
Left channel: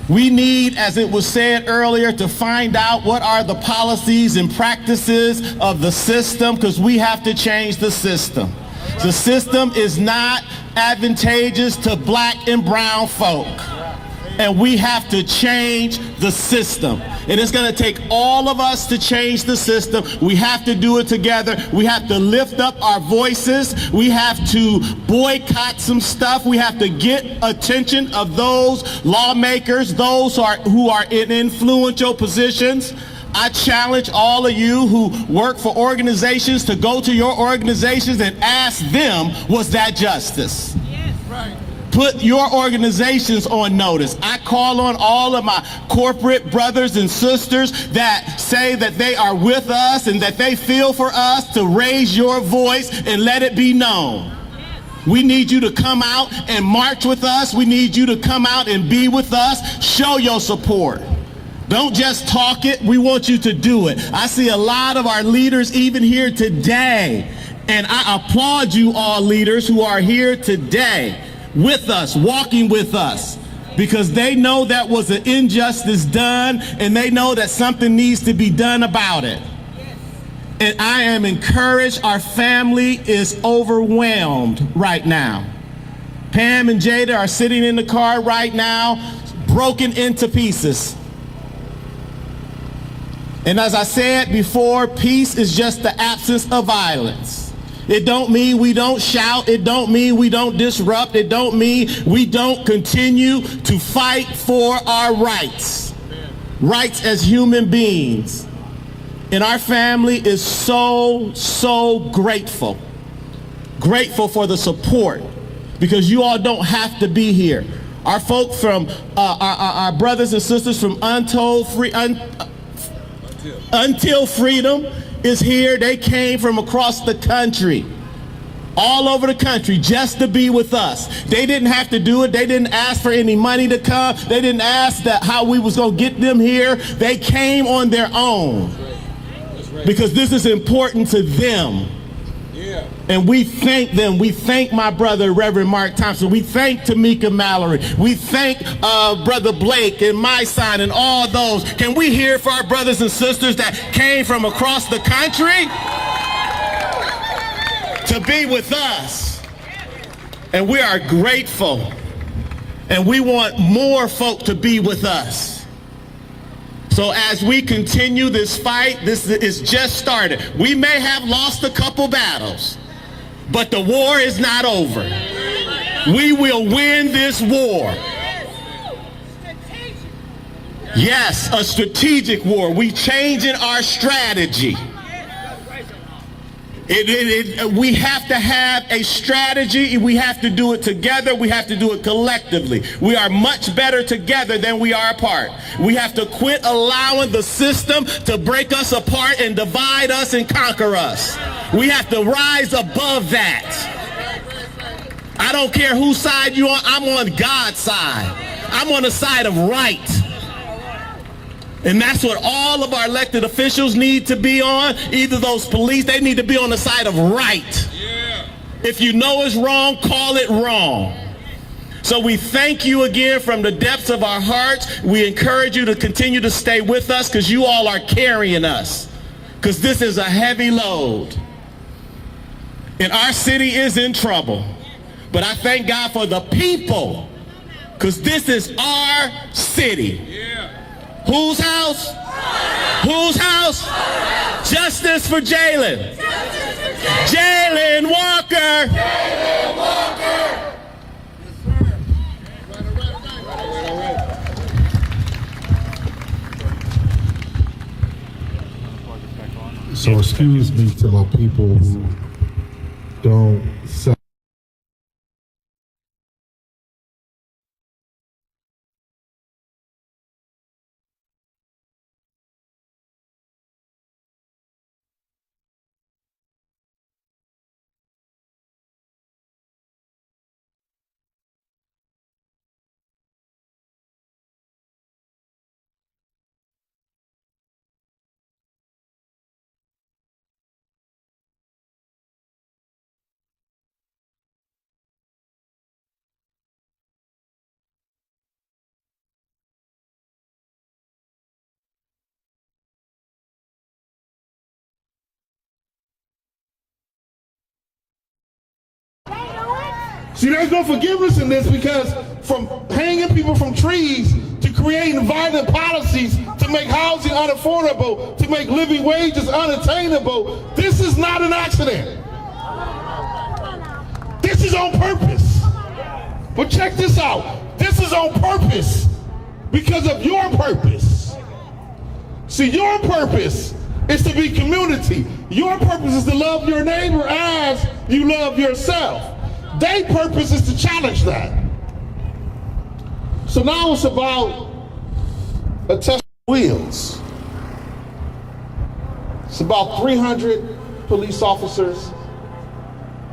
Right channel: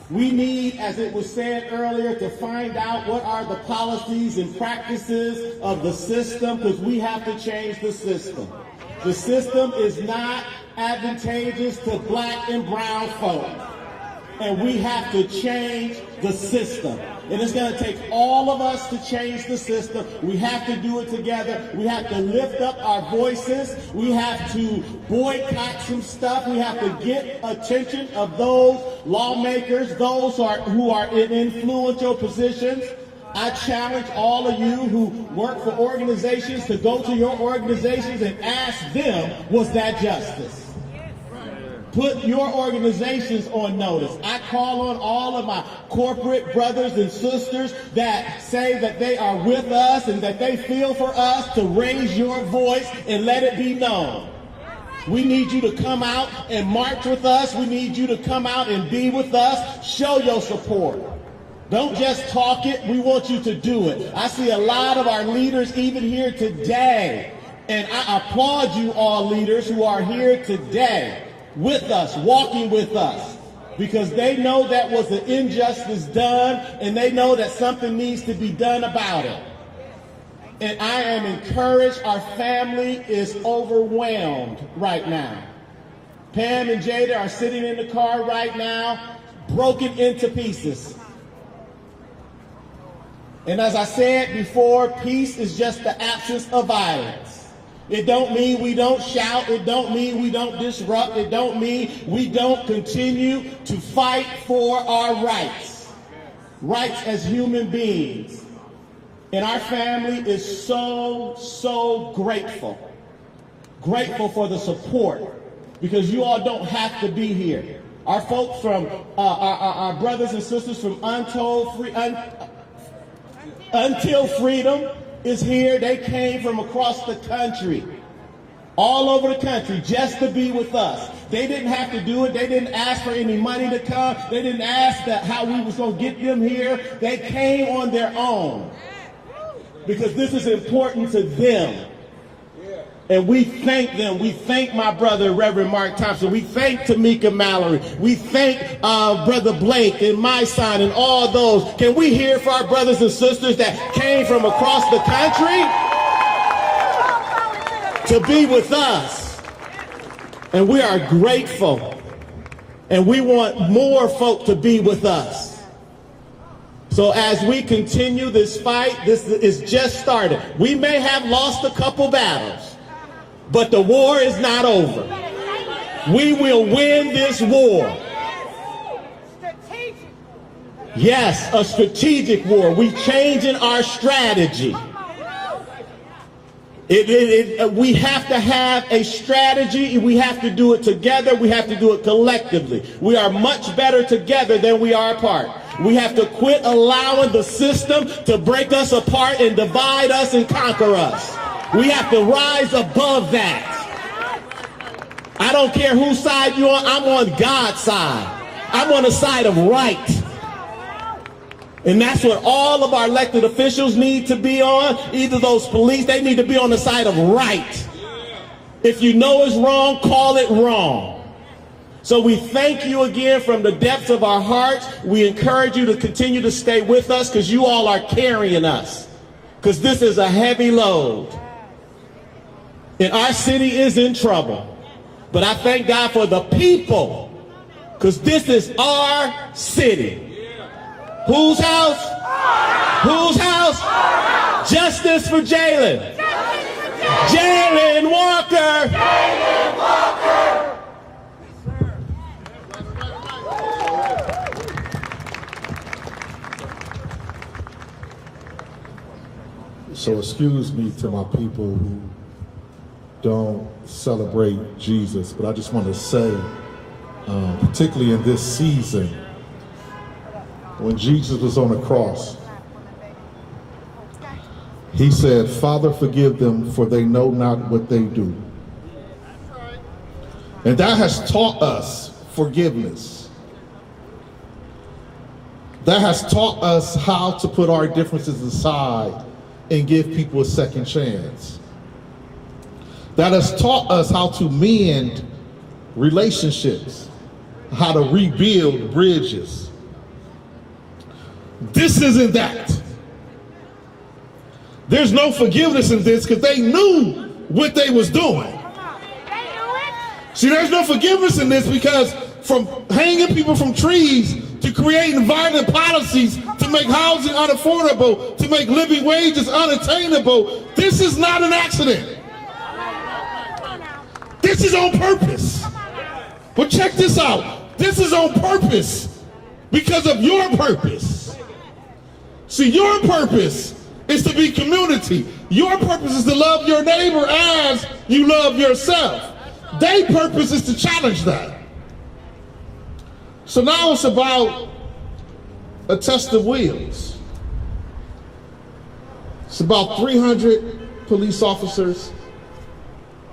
We need, as it was said earlier, to find out what are the policies and practices of the system, because we have to change the system. The system is not advantageous to black and brown folk. And we have to change the system. And it's going to take all of us to change the system. We have to do it together. We have to lift up our voices. We have to boycott some stuff. We have to get attention of those lawmakers, those who are in influential positions. I challenge all of you who work for organizations to go to your organizations and ask them, was that justice? Put your organizations on notice. I call on all of my corporate brothers and sisters that say that they are with us and that they feel for us to raise your voice and let it be known. We need you to come out and march with us. We need you to come out and be with us. Show your support. Don't just talk it. We want you to do it. I see a lot of our leaders even here today, and I applaud you all leaders who are here today with us, walking with us, because they know that was an injustice done and they know that something needs to be done about it. And I am encouraged. Our family is overwhelmed right now. Pam and Jada are sitting in the car right now, broken into pieces. And as I said before, peace is just the absence of violence. It don't mean we don't shout. It don't mean we don't disrupt. It don't mean we don't continue to fight for our rights. Rights as human beings. And our family is so grateful. Grateful for the support, because you all don't have to be here. Our folk from, our brothers and sisters from Until Freedom is here. They came from across the country, all over the country, just to be with us. They didn't have to do it. They didn't ask for any money to come. They didn't ask how we was going to get them here. They came on their own because this is important to them. And we thank them. We thank my brother, Reverend Mark Thompson. We thank Tamika Mallory. We thank Brother Blake and my son and all those. Can we hear for our brothers and sisters that came from across the country to be with us? And we are grateful. And we want more folk to be with us. So as we continue this fight, this is just started. We may have lost a couple battles, but the war is not over. We will win this war. Yes, a strategic war. We changing our strategy. We have to have a strategy. We have to do it together. We have to do it collectively. We are much better together than we are apart. We have to quit allowing the system to break us apart and divide us and conquer us. We have to rise above that. I don't care whose side you're on. I'm on God's side. I'm on the side of right. And that's what all of our elected officials need to be on. Either those police, they need to be on the side of right. If you know it's wrong, call it wrong. So we thank you again from the depths of our hearts. We encourage you to continue to stay with us, because you all are carrying us, because this is a heavy load. And our city is in trouble. But I thank God for the people, because this is our city. Whose house? Whose house? Justice for Jayland. Jayland Walker. Jayland Walker. So excuse me to my people who don't celebrate Jesus, but I just want to say, particularly in this season, when Jesus was on the cross, he said, "Father, forgive them, for they know not what they do." And that has taught us forgiveness. That has taught us how to put our differences aside and give people a second chance. That has taught us how to mend relationships, how to rebuild bridges. This isn't that. There's no forgiveness in this, because they knew what they was doing. See, there's no forgiveness in this, because from hanging people from trees to creating violent policies to make housing unaffordable, to make living wages unattainable, this is not an accident. This is on purpose. But check this out. This is on purpose because of your purpose. See, your purpose is to be community. Your purpose is to love your neighbor as you love yourself. Their purpose is to challenge that. So now it's about a test of wheels. It's about 300 police officers,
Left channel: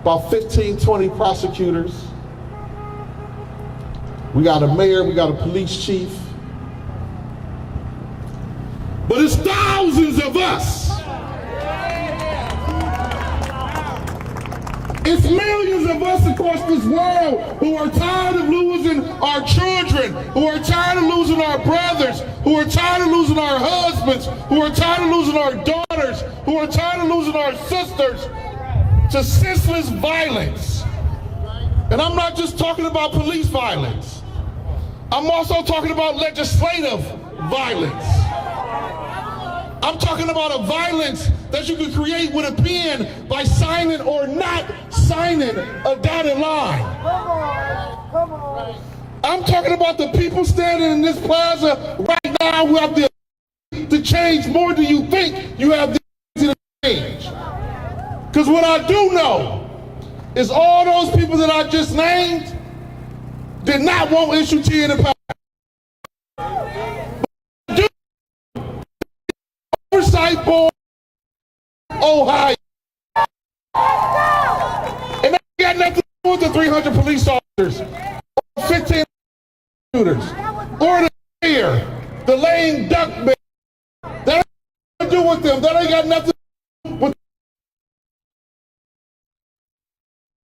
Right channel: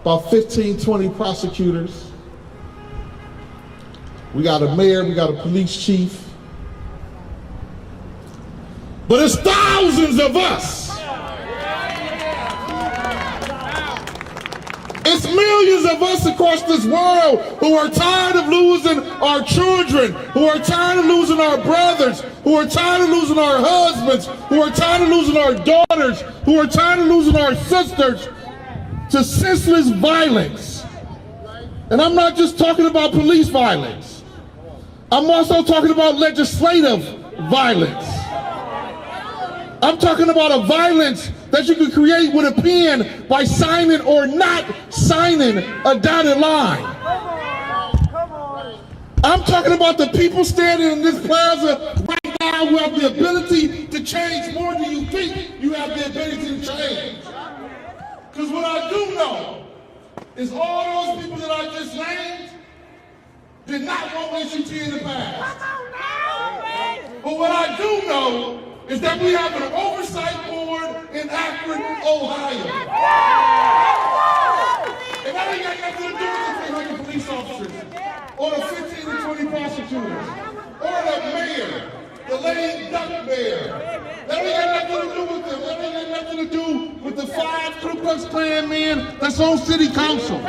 about 15, 20 prosecutors. We got a mayor, we got a police chief. But it's thousands of us. It's millions of us across this world who are tired of losing our children, who are tired of losing our brothers, who are tired of losing our husbands, who are tired of losing our daughters, who are tired of losing our sisters to senseless violence. And I'm not just talking about police violence. I'm also talking about legislative violence. I'm talking about a violence that you can create with a pen by signing or not signing a dotted line. I'm talking about the people standing in this plaza right now who have the ability to change more than you think you have the ability to change. Because what I do know is all those people that I just named did not want issue T in the past. But what I do know is that we have an oversight board in Akron, Ohio. And that ain't got nothing to do with the 300 police officers, or the 15 to 20 prosecutors, or the mayor, the lame duck mayor. That ain't got nothing to do with them. That ain't got nothing to do with the 5 Ku Klux Klan men that's on city council.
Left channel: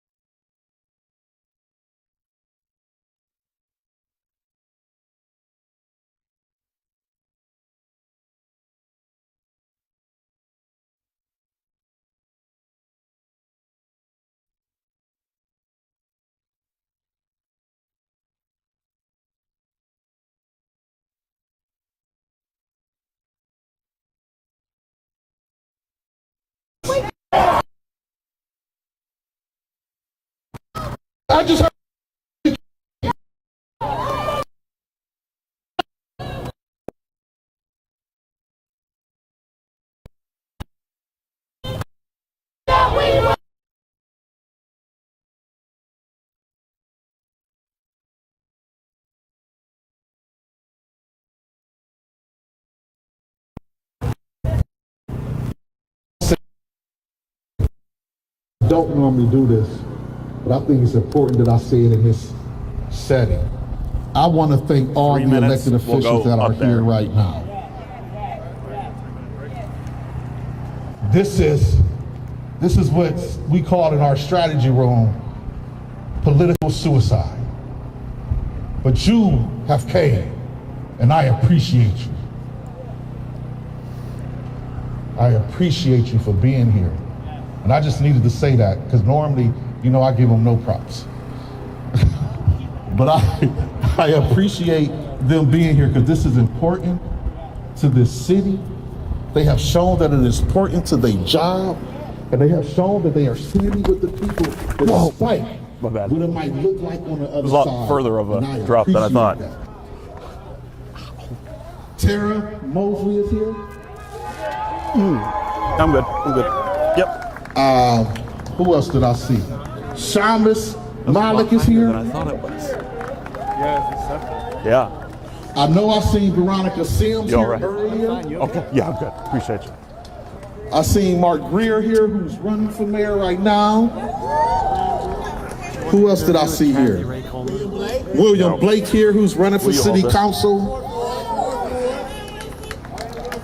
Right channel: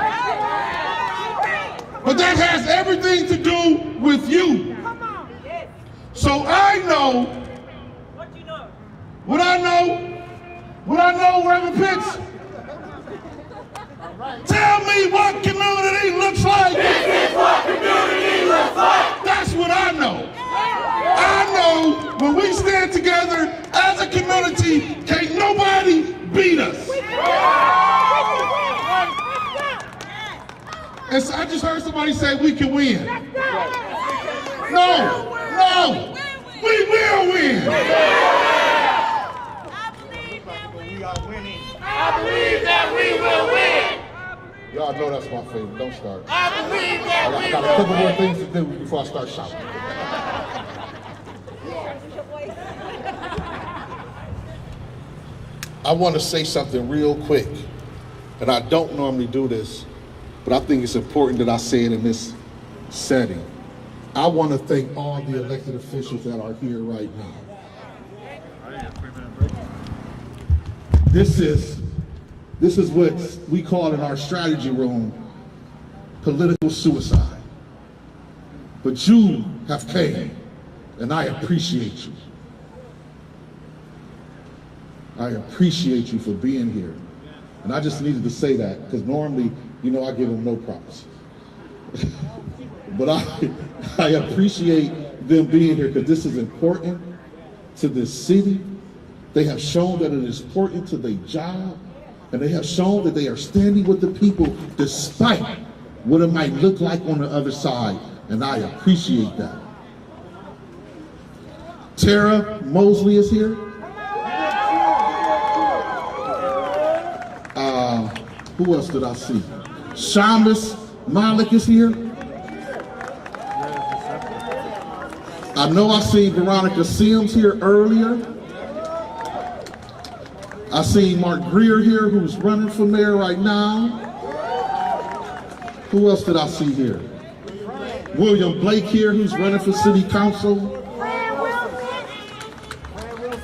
But that has everything to do with you. So I know what I know, Reverend Pitts. Tell me what community looks like. This is what community looks like. That's what I know. I know when we stand together as a community, can't nobody beat us. And so I just heard somebody say we can win. No, we will win. I believe that we will win. Y'all know that's my favorite. Don't start. I believe that we I got a couple more things to do before I start shouting. I want to say something real quick, and I don't normally do this, but I think it's important that I say it in this setting. I want to thank all the elected officials that are here right now. This is what we call in our strategy room political suicide. But you have came, and I appreciate you. I appreciate you for being here. And I just needed to say that because normally, you know, I give them no props. But I appreciate them being here because this is important to this city. They have shown that it is important to their job, and they have shown that they are standing with the people despite what it might look like on the other side. Further of a drop than I thought. That. Tara Mosley is here. I'm good. Yep. Who else did I see? Shamus Malik is here. Yeah. I know I see Veronica Sims here earlier. Okay. Yeah, I'm good. Appreciate you. I seen Mark Greer here, who's running for mayor right now. Who else did I see here? William Blake here, who's running for city council.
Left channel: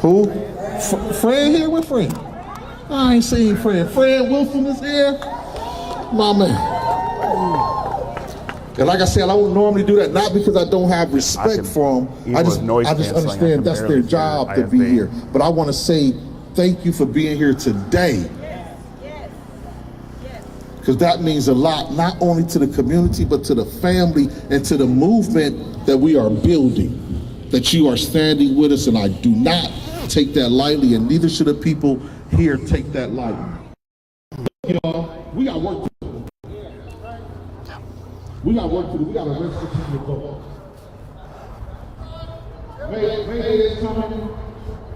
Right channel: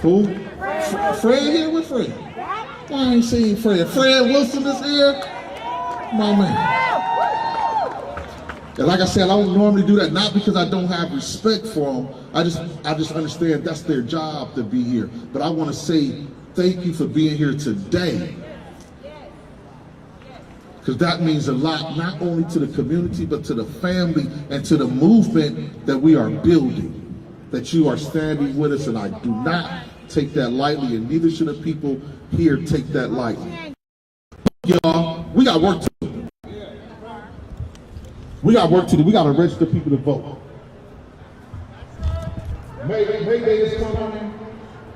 Who? Fred here? With Fred? I ain't seen Fred. Fred Wilson is here. My man. And like I said, I don't normally do that, not because I don't have respect for them. I just understand that's their job to be here. But I want to say thank you for being here today. Because that means a lot, not only to the community, but to the family and to the movement that we are building, that you are standing with us, and I do not take that lightly, and neither should the people here take that lightly. Y'all, we got work to do. We got work to do. We got to register people to vote. May Day is coming.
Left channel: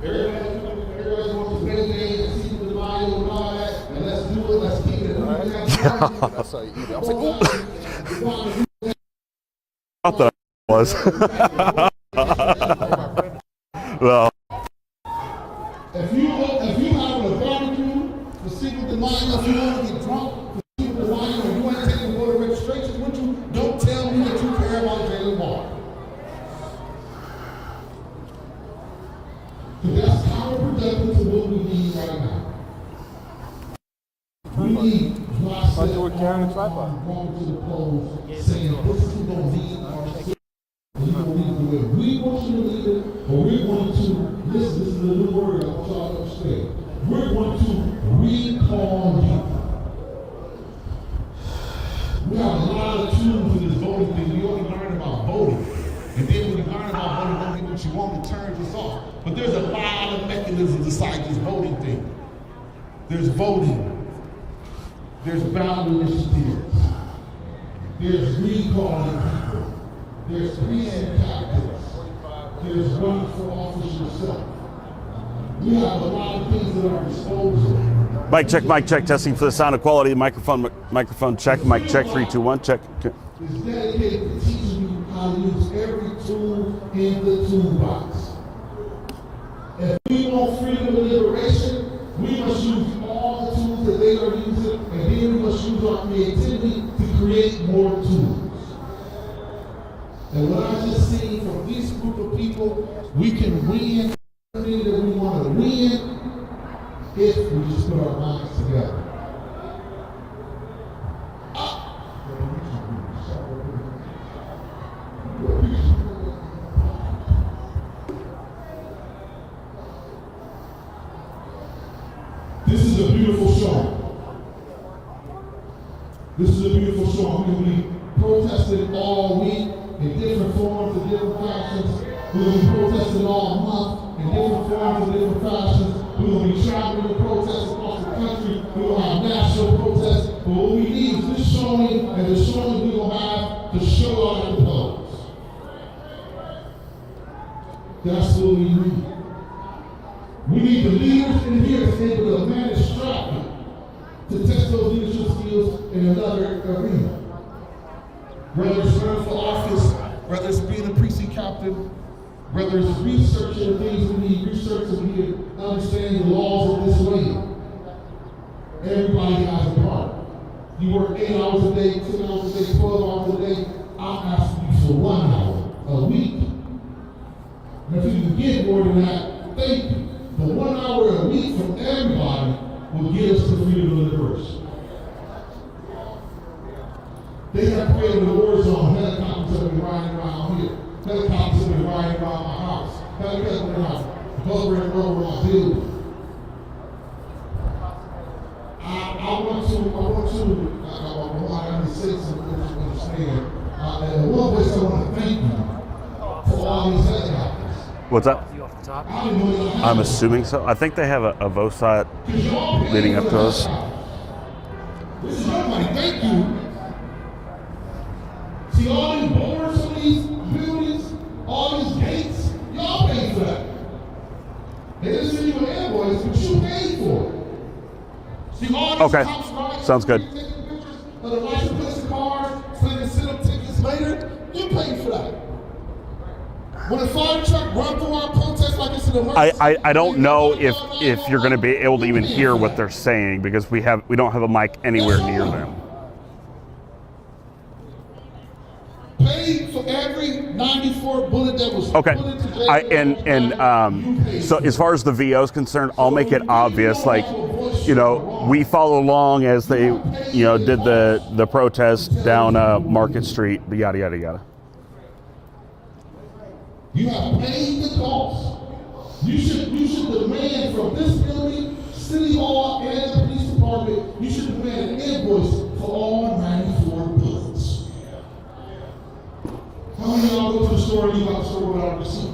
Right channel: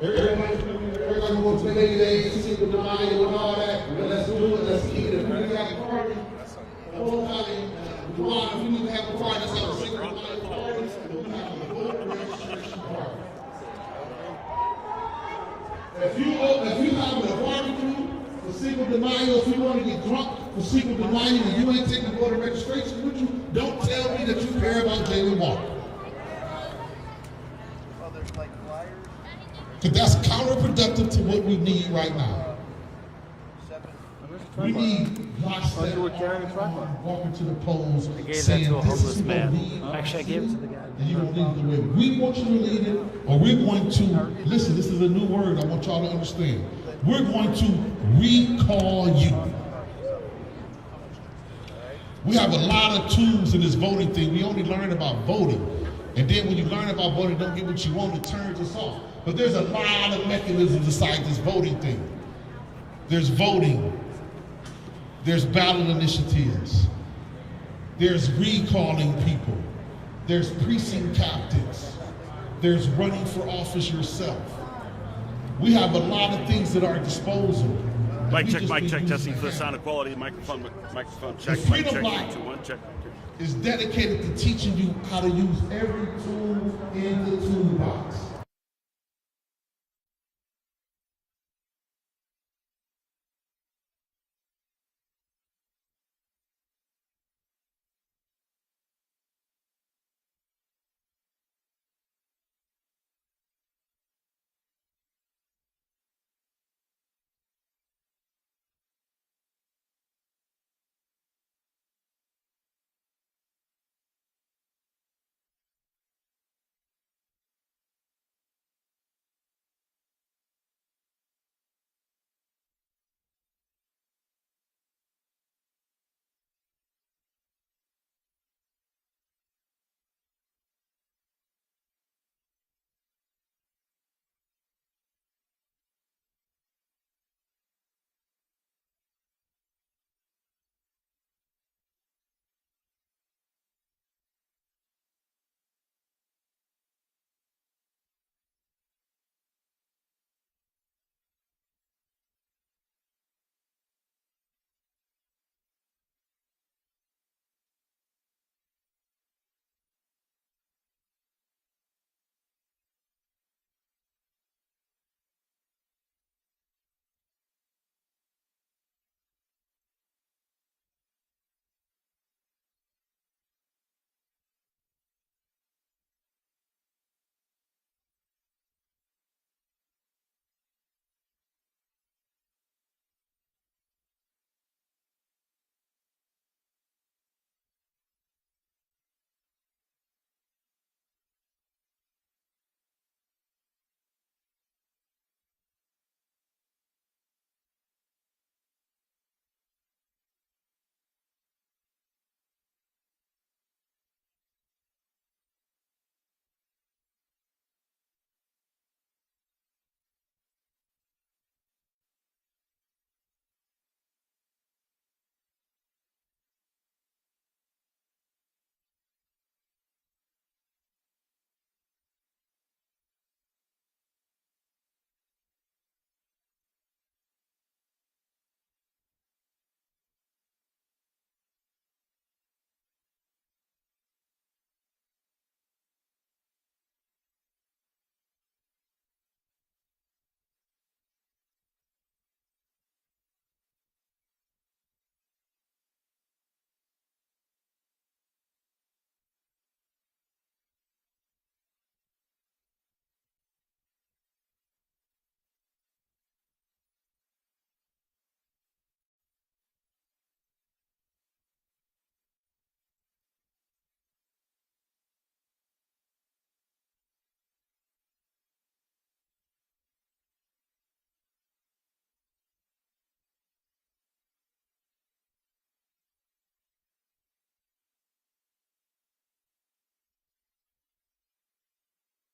Everybody wants to say see the lie and all that, and let's do it, let's see it. I thought it was. Well. If you have a barbecue for secret denial, if you want to get drunk for secret denial, and you want to take the voter registration with you, don't tell me that you care about Jayland Walker. Because that's counterproductive to what we need right now. We need myself walking to the polls saying this is what we need. Actually, I gave it to the guy. And you don't lead it the way we want you to lead it, or we're going to, listen, this is a new word I want y'all to understand. We're going to recall you. We have a lot of tools in this voting thing. We only learn about voting. And then when you learn about voting, don't get what you want, it turns us off. But there's a lot of mechanisms aside this voting thing. There's voting. There's ballot initiatives. There's recalling people. There's precinct captains. There's running for office yourself. We have a lot of things at our disposal. Mic check, testing for the sound of quality. Microphone check, mic check, 3, 2, 1, check. Is dedicated to teaching you how to use every tool in the toolbox. If we want freedom and liberation, we must use all the tools that they are using, and then we must use our creativity to create more tools. And what I just seen from this group of people, we can win everything that we want to win if we just put our minds together. This is a beautiful song. This is a beautiful song. We're going to be protesting all week in different forms and different fashions. We're going to be protesting all month in different forms and different fashions. We're going to be traveling to protest across the country. We're going to have national protests. But what we need is this showing, and the showing we're going to have to show out at the polls. That's what we need. We need the leaders in here to be able to manage strategy to test those leadership skills in another arena. Whether it's running for office, whether it's being a precinct captain, whether it's researching the things we need, research so we can understand the laws of this land. Everybody has a part. You work 8 hours a day, 10 hours a day, 12 hours a day. I'm asking you for 1 hour a week. And if you can get more than that, thank you. But 1 hour a week from everybody will get us to freedom and liberation. They have created a war zone. Helicopters have been riding around here. Helicopters have been riding around my house. Helicopters have been hovering over my building. I want to say something that you understand. In one place, I want to thank you for all these helicopters. What's up? I'm assuming so. I think they have a VOSAT leading up to us. This is your money. Thank you. See all these boards on these buildings, all these gates, y'all paid for that. They didn't send you an invoice, but you paid for it. See all these Okay, cops riding, sounds good. taking pictures of the license plates of cars, so they can send them tickets later. You paid for that. When a fire truck run through our protest like it's an emergency, I don't know if you're going to be able to even hear what they're saying because we don't have a mic anywhere near them. Paid for every 94 bullet that was Okay, put into Jayland. so as far as the VO is concerned, I'll make it obvious. Like, you know, we follow along as they, you know, did the protest down Market Street, yada yada yada. You have paid the cost. You should demand from this building, City Hall, and the police department, you should demand an invoice for all 94 bullets. How many of y'all go to the store and leave out the store without a receipt?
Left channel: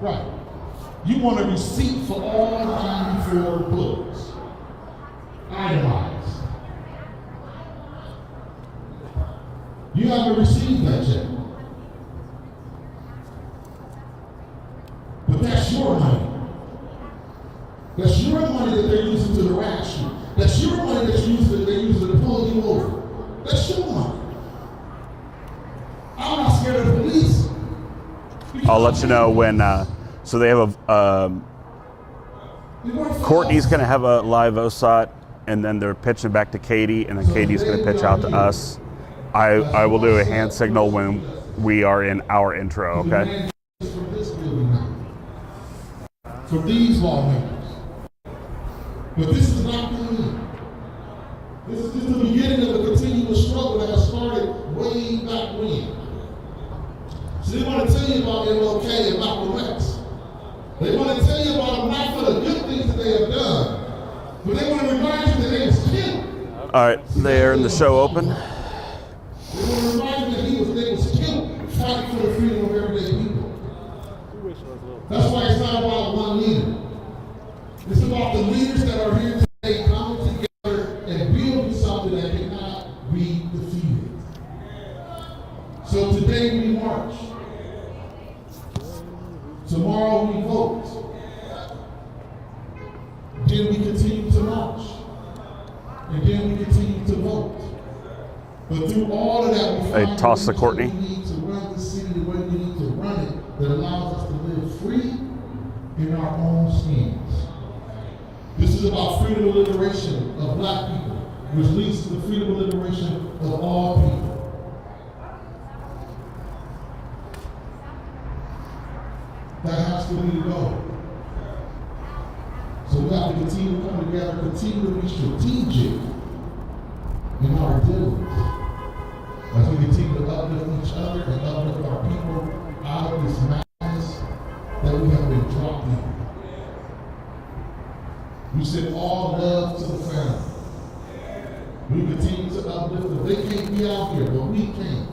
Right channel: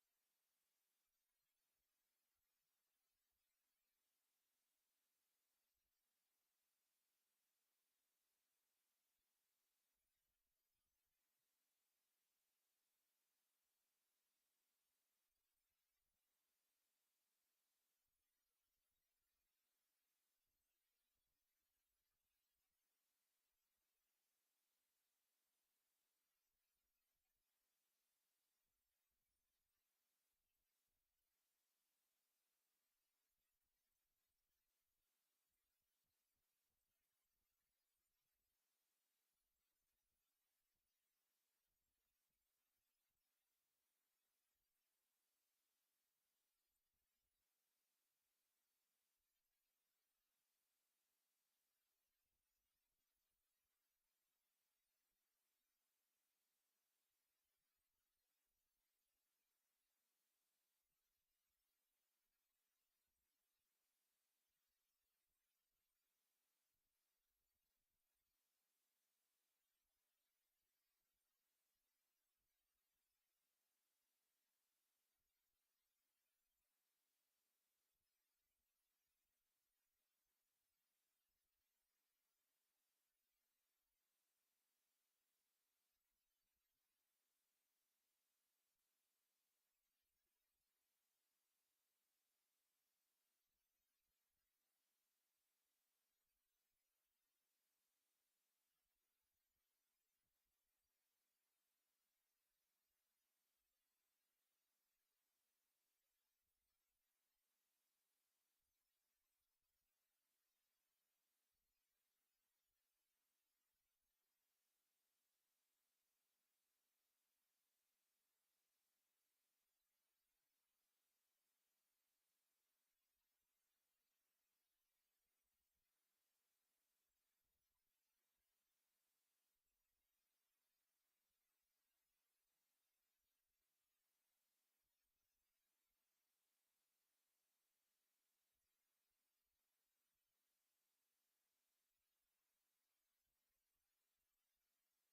Right. You want a receipt for all 94 bullets. Itemized. You haven't received that yet. But that's your money. That's your money that they're using to harass you. That's your money that they're using to pull you over. That's your money. I'm not scared of the police. I'll let you know when. So they have a. Courtney's going to have a live OSOT, and then they're pitching back to Katie, and then Katie's going to pitch out to us. I will do a hand signal when we are in our intro. Okay. For these lawmakers. But this is not the end. This is just the beginning of a continuous struggle that has started way back when. So they want to tell you about MLK and Malcolm X. They want to tell you about them not for the good things that they have done, but they want to remind you that they was killed. All right, they're in the show open. They want to remind you that they was killed fighting for the freedom of everyday people. That's why it's not about one leader. It's about the leaders that are here today coming together and building something that cannot be defeated. So today we march. Tomorrow we vote. Then we continue to march. And then we continue to vote. But through all of that, we find toss the Courtney. we need to run the city the way we need to run it that allows us to live free in our own skins. This is about freedom and liberation of black people, which leads to the freedom and liberation of all people. That has to be the goal. So we have to continue to come together, continue to be strategic in our dealings as we continue to uplift each other and uplift our people out of this madness that we have been dropped in. We send all love to the family. We continue to uplift them. They can't be out here, but we can.